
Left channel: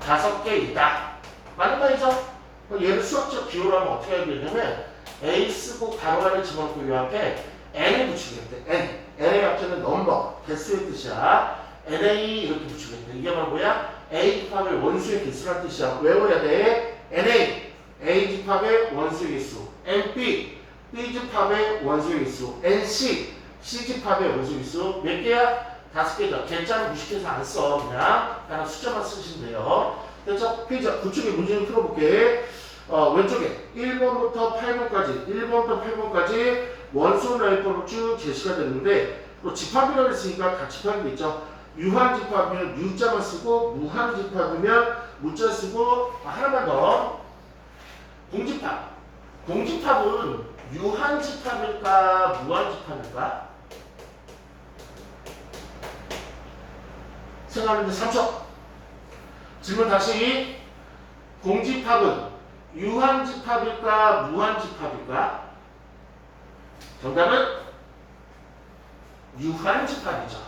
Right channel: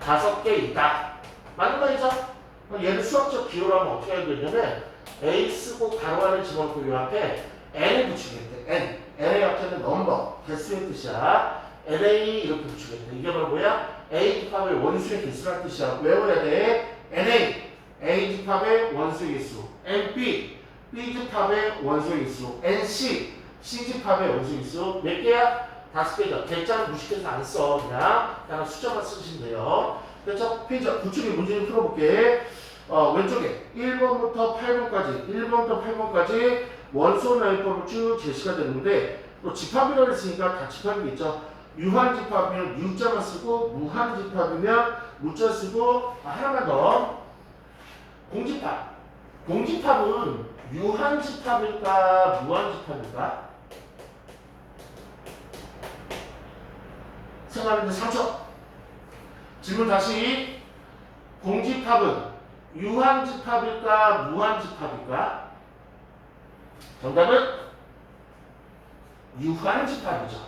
5개이다. 맞는 말이죠? 얘를 수학적 기호로 하면 어떻게 해야 되냐면 A 쓰고 가로 안에 집어넣고 요 앞에 N을 붙이겠대. N. N의 앞에는 넘버, 개수의 뜻이야. NA 이렇게 붙이겠대. 이게 바로 뭐야? A집합의 원수의 개수라는 뜻이야. 외워야 돼. NA. A집합의 원수의 개수. NB. B집합의 원수의 개수. NC. C집합의 원수의 개수. 몇 개야? 5개죠. 개자는 무식해서 안 써. 그냥 숫자만 쓰시면 돼요. 그래서 페이지 9쪽에 문제 좀 풀어볼게. 왼쪽에 1번부터 8번까지 1번부터 8번까지 원소나이법으로 쭉 제시가 됐는데 또 집합이라고 했으니까 다 집합이겠죠. 유한집합이면 유자만 쓰고 무한집합이면 무자 쓰고 하나만 더 공집합. 공집합은 유한집합일까 무한집합일까? 생각하는데 3초. 질문 다시. 공집합은 유한집합일까 무한집합일까? 정답은 유한집합이죠.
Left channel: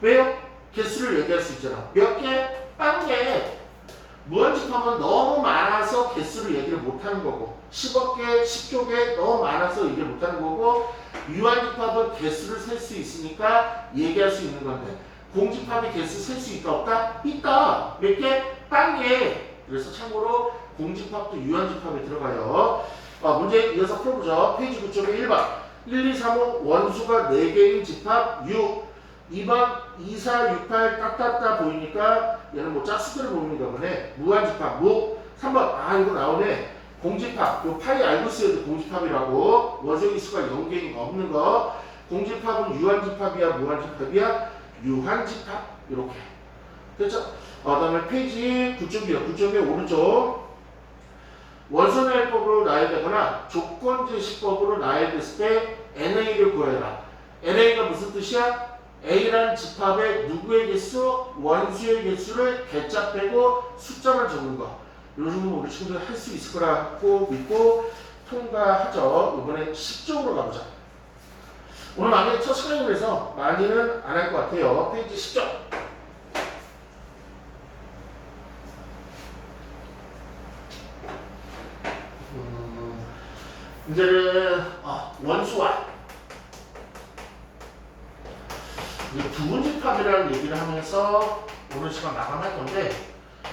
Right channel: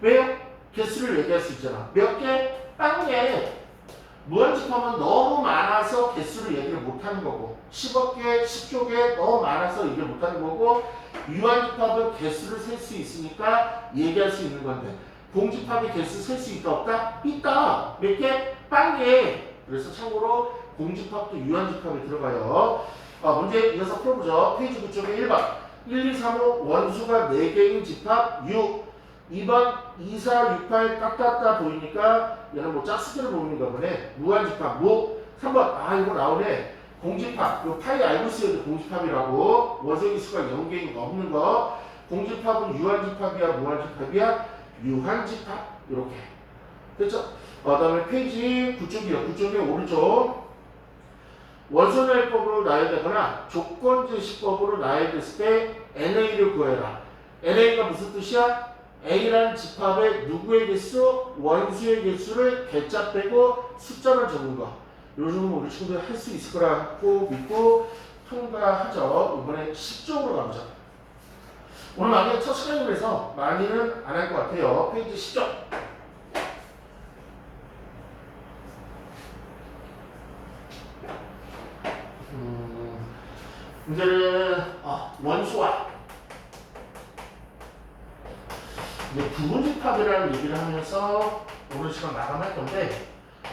왜요? 개수를 얘기할 수 있잖아. 몇 개? 딴 개. 무한집합은 너무 많아서 개수를 얘기를 못하는 거고 10억 개, 10조 개 너무 많아서 얘기를 못하는 거고 유한집합은 개수를 셀 수 있으니까 얘기할 수 있는 건데 공집합이 개수 셀 수 있다 없다? 있다. 몇 개? 딴 개. 그래서 참고로 공집합도 유한집합에 들어가요. 문제 이어서 풀어보죠. 페이지 9쪽에 1번 1, 2, 3, 5 원수가 4개인 집합 6. 2번 2, 4, 6, 8 딱딱딱 보이니까 얘는 뭐 짝수들을 보는가 보네. 무한집합 무. 3번 이거 나오네. 공집합. 요 파이 알고 있어야 공집합이라고. 원소의 수가 0개인 거 없는 거. 공집합은 유한집합이야 무한집합이야? 유한집합. 이렇게 됐죠? 다음에 페이지 9쪽이요. 9쪽의 오른쪽. 원소나이법으로 나열되거나 조건제시법으로 나열됐을 때 NA를 구해라. NA가 무슨 뜻이야? A라는 집합의 누구의 개수? 원수의 개수를 개짜 빼고 숫자만 적은 거. 요 정도 우리 친구들 할 수 있을 거라고 믿고 통과하죠. 이번에 10쪽으로 가보자. 오늘 많이 첫 시간이라서 많이는 안 할 것 같아요. 페이지 10쪽. 이제는 원수와 이제 부분집합이라는 얘기를 하면서 오늘 시간 마감할 건데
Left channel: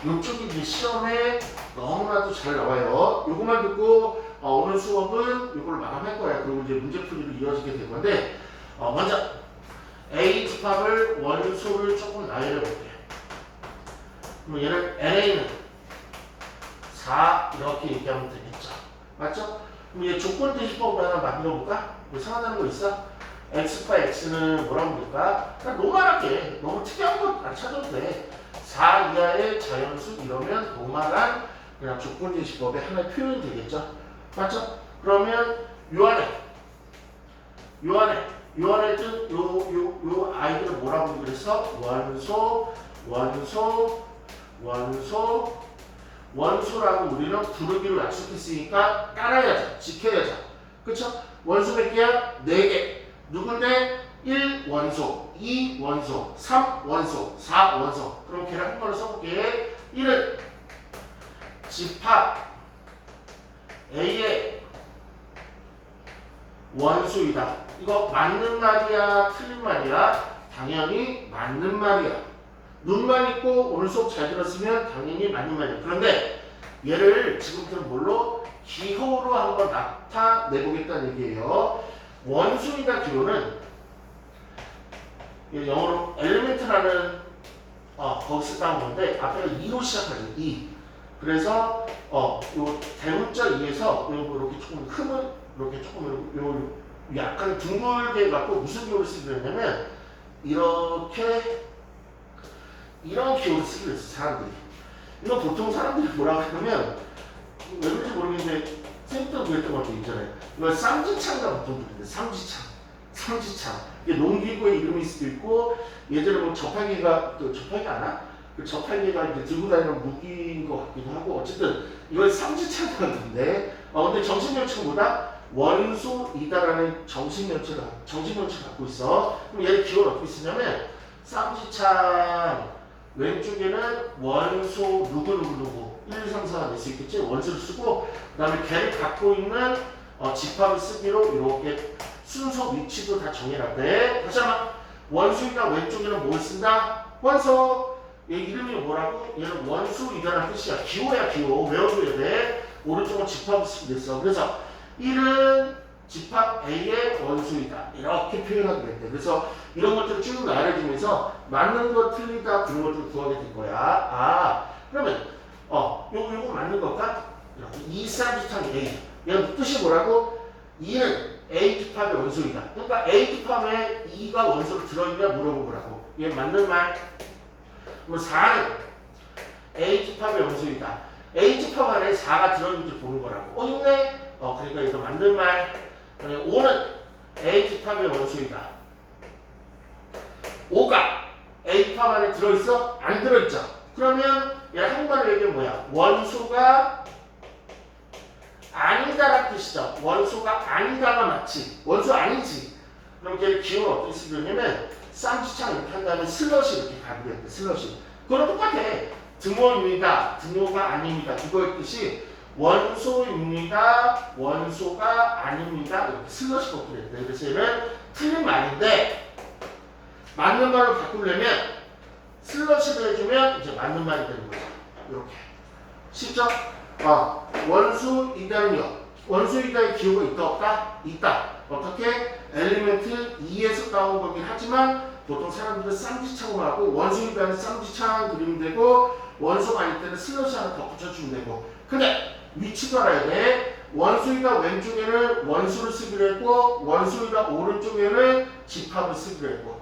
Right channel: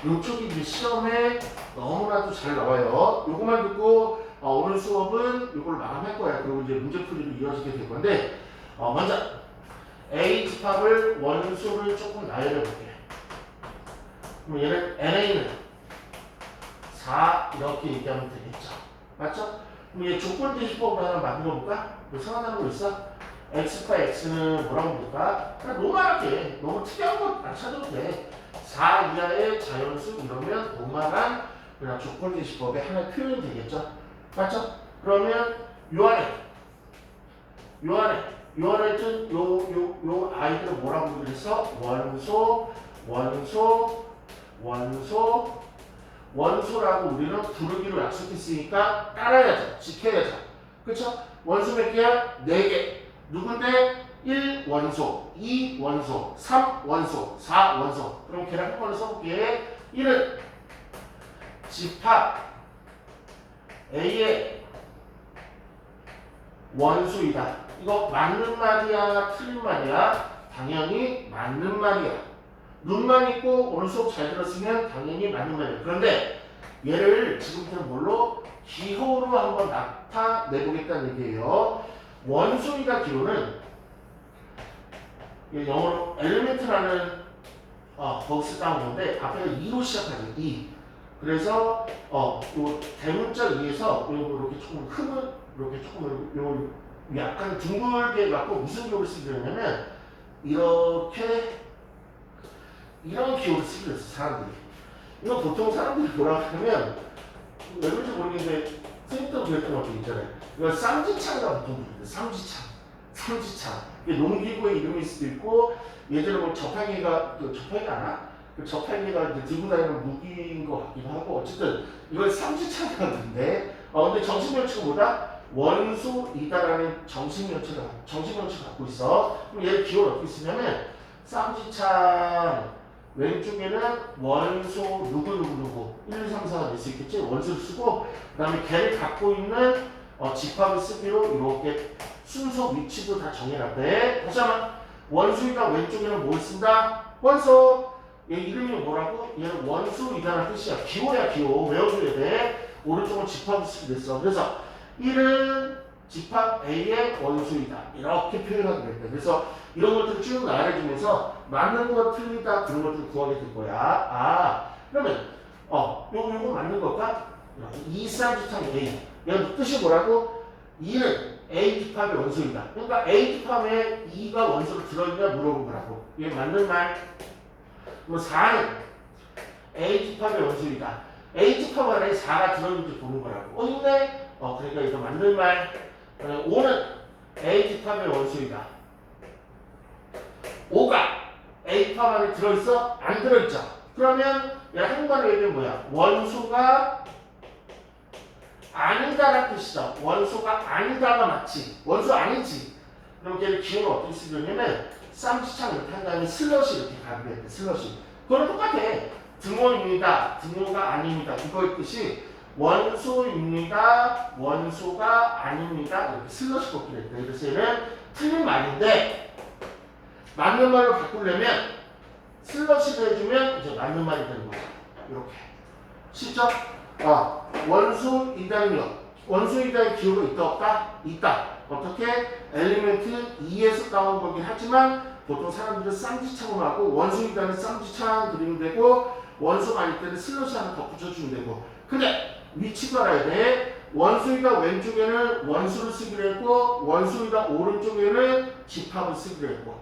이쪽이 이제 시험에 너무나도 잘 나와요. 요것만 듣고 오늘 수업은 이걸 마감할 거야. 그리고 이제 문제풀이로 이어지게 될 건데 먼저 A 집합을 원수를 조금 나열해 볼게. 그럼 얘는 NA는 4 이렇게 얘기하면 되겠죠. 맞죠? 그럼 얘 조건 대시법으로 하나 만들어 볼까? 뭐 생각나는 거 있어? X파 X는 뭐라고 볼까? 그냥 노멀하게 너무 특이한 거 안 찾아도 돼. 4 이하의 자연수 이러면 노멀한 그냥 조건 대시법의 하나의 표현이 되겠죠. 맞죠? 그러면 요 안에 든 요 아이들을 뭐라고 그랬어? 원소라고 우리는 부르기로 약속했으니까 따라야죠. 지켜야죠. 그쵸? 원수 몇 개야? 4개. 누군데? 1원소, 2원소, 3원소, 4원소. 그럼 걔랑 한 번로 써볼게. 1은 집합 A의 원수이다. 이거 맞는 말이야? 틀린 말이야? 당연히 맞는 말이야. 눈만 있고 오늘 수업 잘 들었으면 당연히 맞는 말이야. 그런데 얘를 지금부터 뭘로? 기호로 한번 나타내보겠다는 얘기예요. 원수이다 기호는 영어로 엘리멘트라는 거기서 따온 건데 앞에가 2로 시작하죠. 2. 그래서 요 대문자 2에서 이렇게 조금 흠은 이렇게 조금 요 약간 둥글게 갖고 무슨 기호를 쓰려냐면 이렇게 이런 기호를 쓰기로 했어. 사람들이. 이거 보통 사람들이 뭐라고 하면 왜 그런지 모르겠는데 쌤도 그랬던 것도 있잖아요. 이걸 쌍지창이라고 보통 부르는데 삼지창. 이게 농기구의 이름일 수도 있고 예전에 뭐 저팔계가 아나? 그 저팔계가 이제 들고 다니는 무기인 것 같기도 하고 어쨌든 이걸 삼지창이라고 하는데 근데 정신명칭은 뭐다? 원소이다라는 정신명칭을 갖고 있어. 그럼 얘를 기호를 어떻게 쓰냐면 쌍지창 왼쪽에는 원소 누구 1, 2, 3, 4가 될 수 있겠지. 원소를 쓰고 그 다음에 걔를 갖고 있는 집합을 쓰기로 이렇게 순서 위치도 다 정해놨대. 다시 한번 원수이다 왼쪽에는 뭘 쓴다? 원소. 얘 이름이 뭐라고? 얘는 원수이다라는 뜻이야. 기호야 기호. 외워줘야 돼. 오른쪽은 집합을 쓰게 됐어. 그래서 1은 집합 A의 원수이다. 이렇게 표현하게 됐대. 그래서 이런 것들을 쭉 나열해주면서 맞는 거 틀리다 그런 것들을 구하게 될 거야. 그러면 요거 맞는 걸까? 이 쌍지창 A. 얘가 뜻이 뭐라고? 2는 A 집합의 원소이다. 그러니까 A 집합에 2가 원소로 들어있냐 물어본 거라고. 얘 맞는 말. 그럼 4는 A 집합의 원소이다. A 집합 안에 4가 들어있는지 보는 거라고. 있네? 그러니까 이거 맞는 말. 5는 A 집합의 원소이다. 5가 A 집합 안에 들어있어? 안 들어있죠? 그러면 얘 한가로 얘기하면 뭐야? 원소가 아니다라는 뜻이다. 원소가 아니다가 맞지. 원소 아니지. 그럼 걔를 기호를 어떻게 쓰려냐면 쌍지창 이렇게 한 다음에 슬러시 이렇게 가게 돼. 슬러시. 그거랑 똑같아. 등호입니다. 등호가 아닙니다. 이거의 뜻이 원소입니다. 원소가 아닙니다. 이렇게 슬러시 걷게 됐대. 그래서 얘는 틀린 말인데 맞는 말로 바꾸려면 슬러시를 해주면 이제 맞는 말이 되는 거야. 이렇게. 쉽죠? 원수이다는요. 원수이다의 기호가 있다 없다? 있다. 어떻게? 엘리멘트 2에서 따온 거긴 하지만 보통 사람들은 쌍지창으로 하고 원수이다는 쌍지창 그리면 되고 원소가 아닐 때는 슬러시 하나 더 붙여주면 되고 근데 위치도 알아야 돼. 원수이다 왼쪽에는 원수를 쓰기로 했고 원수이다 오른쪽에는 집합을 쓰기로 했고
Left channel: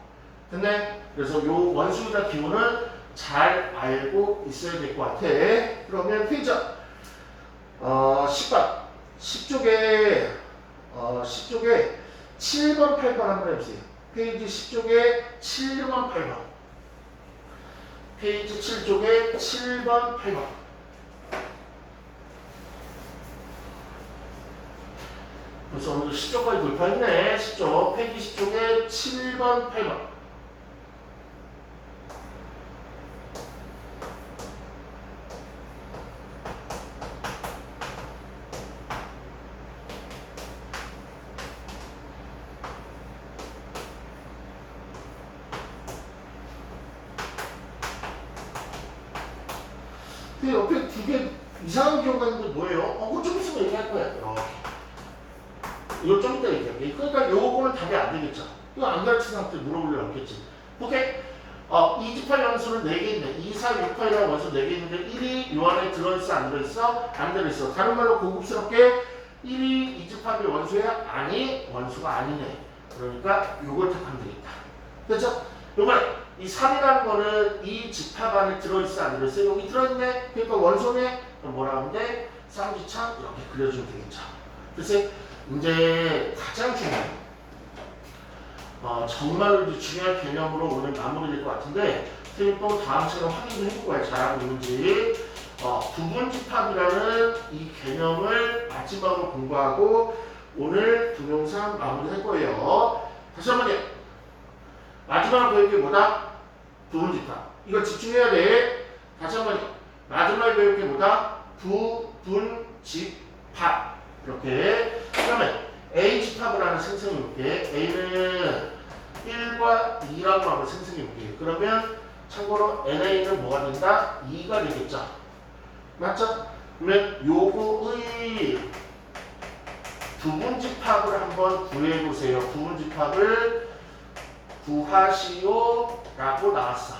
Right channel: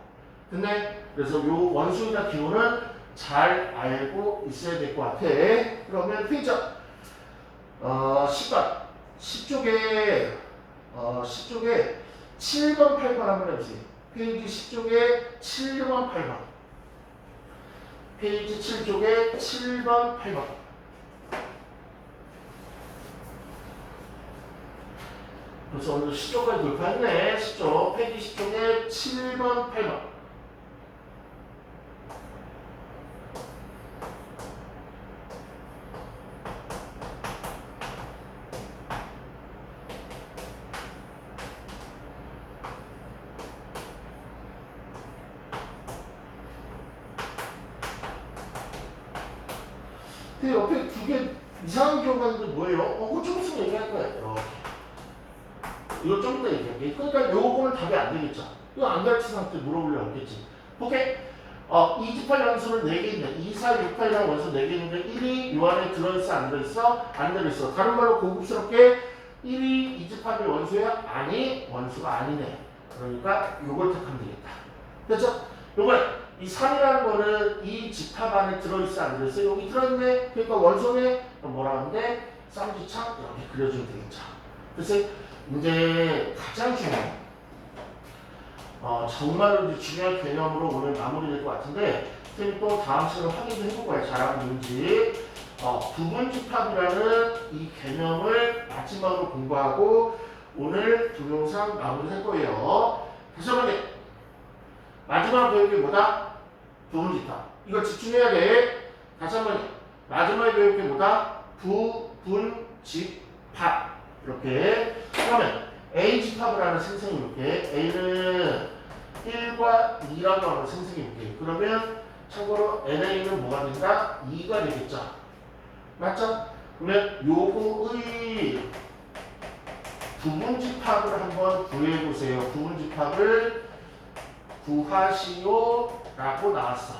근데 그래서 요 원수이다 기호는 잘 알고 있어야 될 것 같아. 그러면 페이지 10번 10쪽에 7번 8번 한번 해보세요. 페이지 10쪽에 7번 8번 페이지 7쪽에 7번 8번 그래서 오늘 10쪽까지 돌파했네. 10쪽 페이지 10쪽에 7번 8번 밑에 옆에 두 개 이상한 경우가 있는데 뭐예요? 그거 좀 있으면 얘기할 거야. 이렇게. 이거 좀 이따 얘기할게. 그러니까 요거는 답이 안 되겠죠. 이거 안 가르친 상태 물어볼 일 없겠지. 오케이? 2집합 원수는 4개 있는데 2, 4, 6, 8이라는 원수 4개 있는데 1이 요 안에 들어있어 안 들어있어? 안 들어있어. 다른 말로 고급스럽게 1이 2집합의 원수야? 아니 원수가 아니네. 그러니까 요걸 택하면 되겠다. 됐죠? 요걸 이 3이라는 거는 이 집합 안에 들어있어 안 들어있어? 여기 들어있네? 그러니까 원소네? 그럼 뭐라 하는데? 쌍지창 이렇게 그려주면 되겠죠. 그래서 이제 가장 중요한 정말로 이제 중요한 개념으로 오늘 마무리될 것 같은데 선생님 또 다음 시간에 확인 좀 해볼 거예요. 잘하고 있는지. 부분집합이라는 이 개념을 마지막으로 공부하고 오늘 동영상 마무리할 거예요. 다시 한번 마지막 배울 게 뭐다? 부분집합. 이거 집중해야 돼. 다시 한번 마지막에 배울 게 뭐다? 부분집합. 이렇게. 그러면 A집합을 하는 생성해 볼게. A는 1과 2라고 한번 생성해 볼게. 그러면 참고로 NA는 뭐가 된다? 2가 되겠죠. 맞죠? 그러면 요거의 부분집합을 한번 구해 보세요. 부분집합을 구하시오 라고 나왔어.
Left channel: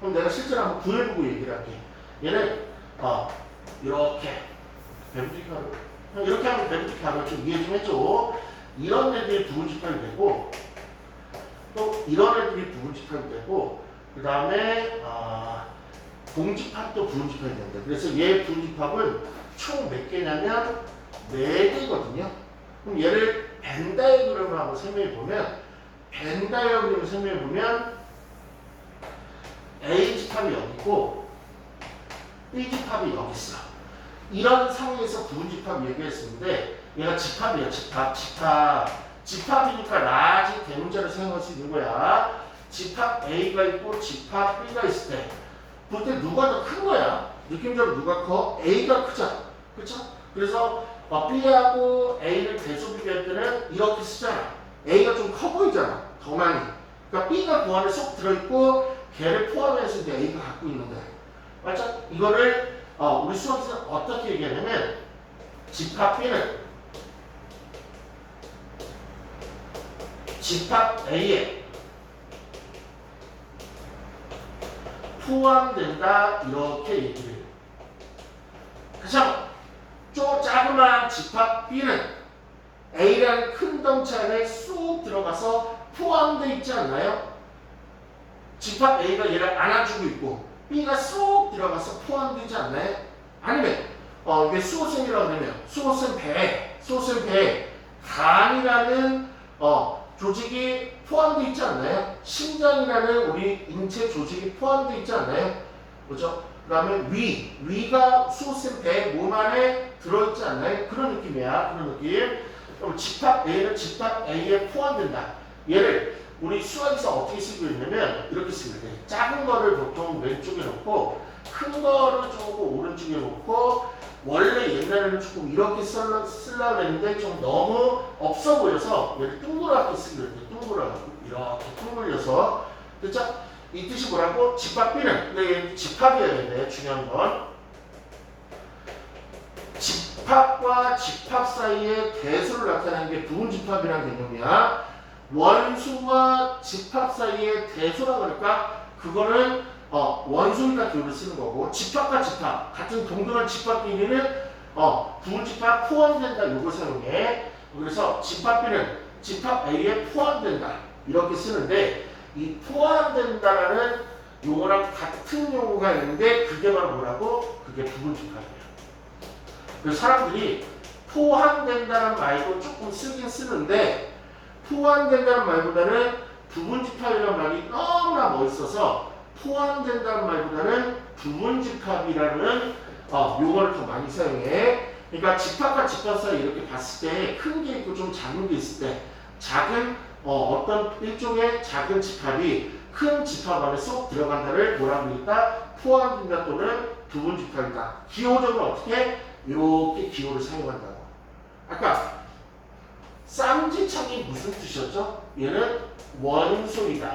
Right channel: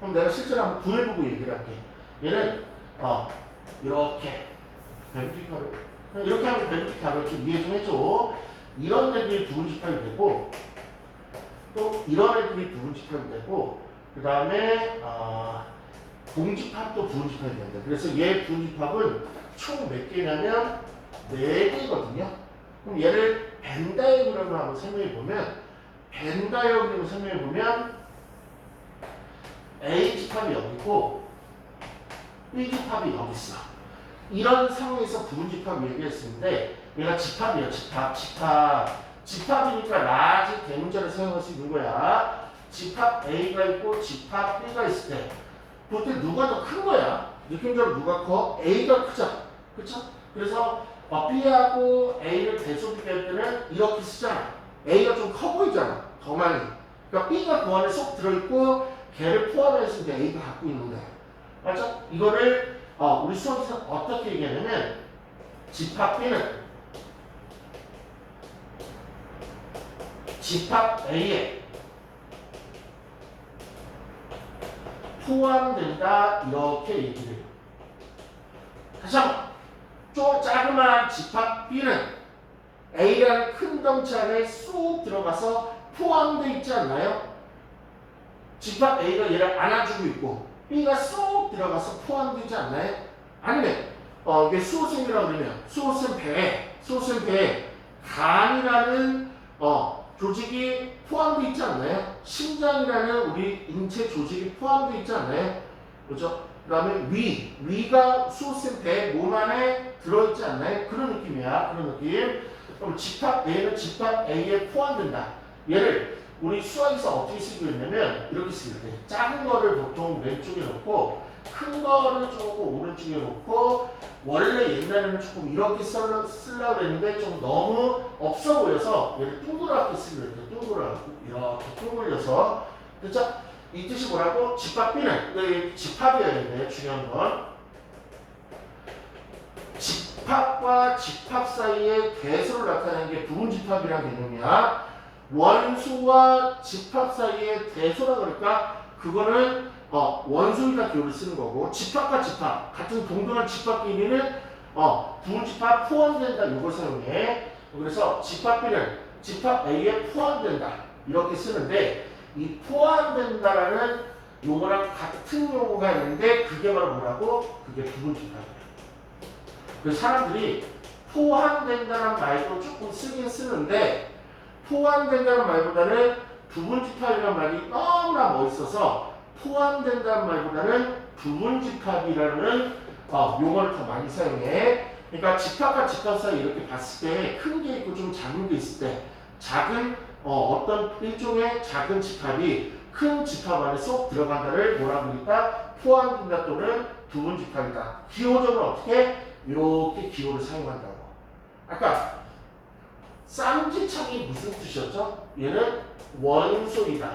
그럼 내가 실제로 한번 구해보고 얘기를 할게. 얘는 이렇게 부분집합을 이렇게 하면 부분집합을 좀 이해 좀 해줘. 이런 애들이 부분집합이 되고 또 이런 애들이 부분집합이 되고 그 다음에 공집합도 부분집합이 된다. 그래서 얘 부분집합은 총 몇 개냐면 4개거든요. 그럼 얘를 벤 다이어그램으로 한번 설명해 보면 벤 다이어그램을 설명해 보면 A집합이 여기 있고 B집합이 여기 있어. 이런 상황에서 부분집합 얘기했었는데 얘가 집합이야. 집합이니까 라지 대문자를 사용할 수 있는 거야. 집합 A가 있고 집합 B가 있을 때 그때 누가 더 큰 거야? 느낌적으로 누가 커? A가 크죠? 그쵸? 그래서 B하고 A를 대소 비교할 때는 이렇게 쓰잖아. A가 좀 커 보이잖아. 더 많이. 그러니까 B가 그 안에 쏙 들어있고 걔를 포함해서 이제 A가 갖고 있는 거야. 맞죠? 이거를 우리 수업에서 어떻게 얘기하냐면 집합 B는 집합 A에 포함된다 이렇게 얘기를 해요. 다시 한번 자그마한 집합 B는 A라는 큰 덩치 안에 쑥 들어가서 포함되어 있지 않나요? 집합 A가 얘를 안아주고 있고 B가 쏙 들어가서 포함되지 않나요? 아니면 이게 수호생이라고 그러면 수호생 배에 간이라는 조직이 포함되어 있지 않나요? 심장이라는 우리 인체 조직이 포함되어 있지 않나요? 그렇죠? 그 다음에 위가 수호생 배 몸 안에 들어있지 않나요? 그런 느낌이야. 그런 느낌. 그럼 집합 A는 집합 A에 포함된다. 얘를 우리 수학에서 어떻게 쓰기로 했냐면 이렇게 쓰기로 해. 작은 거를 보통 왼쪽에 놓고 큰 거를 조금 오른쪽에 놓고 원래 옛날에는 조금 이렇게 쓰려고 했는데 좀 너무 없어 보여서 얘를 둥그랗게 쓰기로 했대. 둥그랗게 이렇게 둥글려서 됐죠? 이 뜻이 뭐라고? 집합 B는 집합이어야 돼. 중요한 건 집합과 집합 사이의 대수를 나타내는 게 부분집합이라는 개념이야. 원수와 집합 사이의 대수라 그럴까? 그거는 원소니까 기호를 쓰는 거고 집합과 집합 같은 동등한 집합끼리는 부분집합 포함된다 이걸 사용해. 그래서 집합 B는 집합 A에 포함된다 이렇게 쓰는데 이 포함된다라는 용어랑 같은 용어가 있는데 그게 바로 뭐라고? 그게 부분집합이에요. 그래서 사람들이 포함된다는 말도 조금 쓰긴 쓰는데 포함된다는 말보다는 부분집합이라는 말이 너무나 멋있어서 포함된다는 말보다는 부분집합이라는 용어를 더 많이 사용해. 그러니까 집합과 집합 사이 이렇게 봤을 때 큰 게 있고 좀 작은 게 있을 때 작은 어떤 일종의 작은 집합이 큰 집합 안에 쏙 들어간다를 뭐라고 하니까 포함된다 또는 부분집합이다. 기호적으로 어떻게? 이렇게 기호를 사용한다고. 아까 쌍지창이 무슨 뜻이었죠? 얘는 원소이다.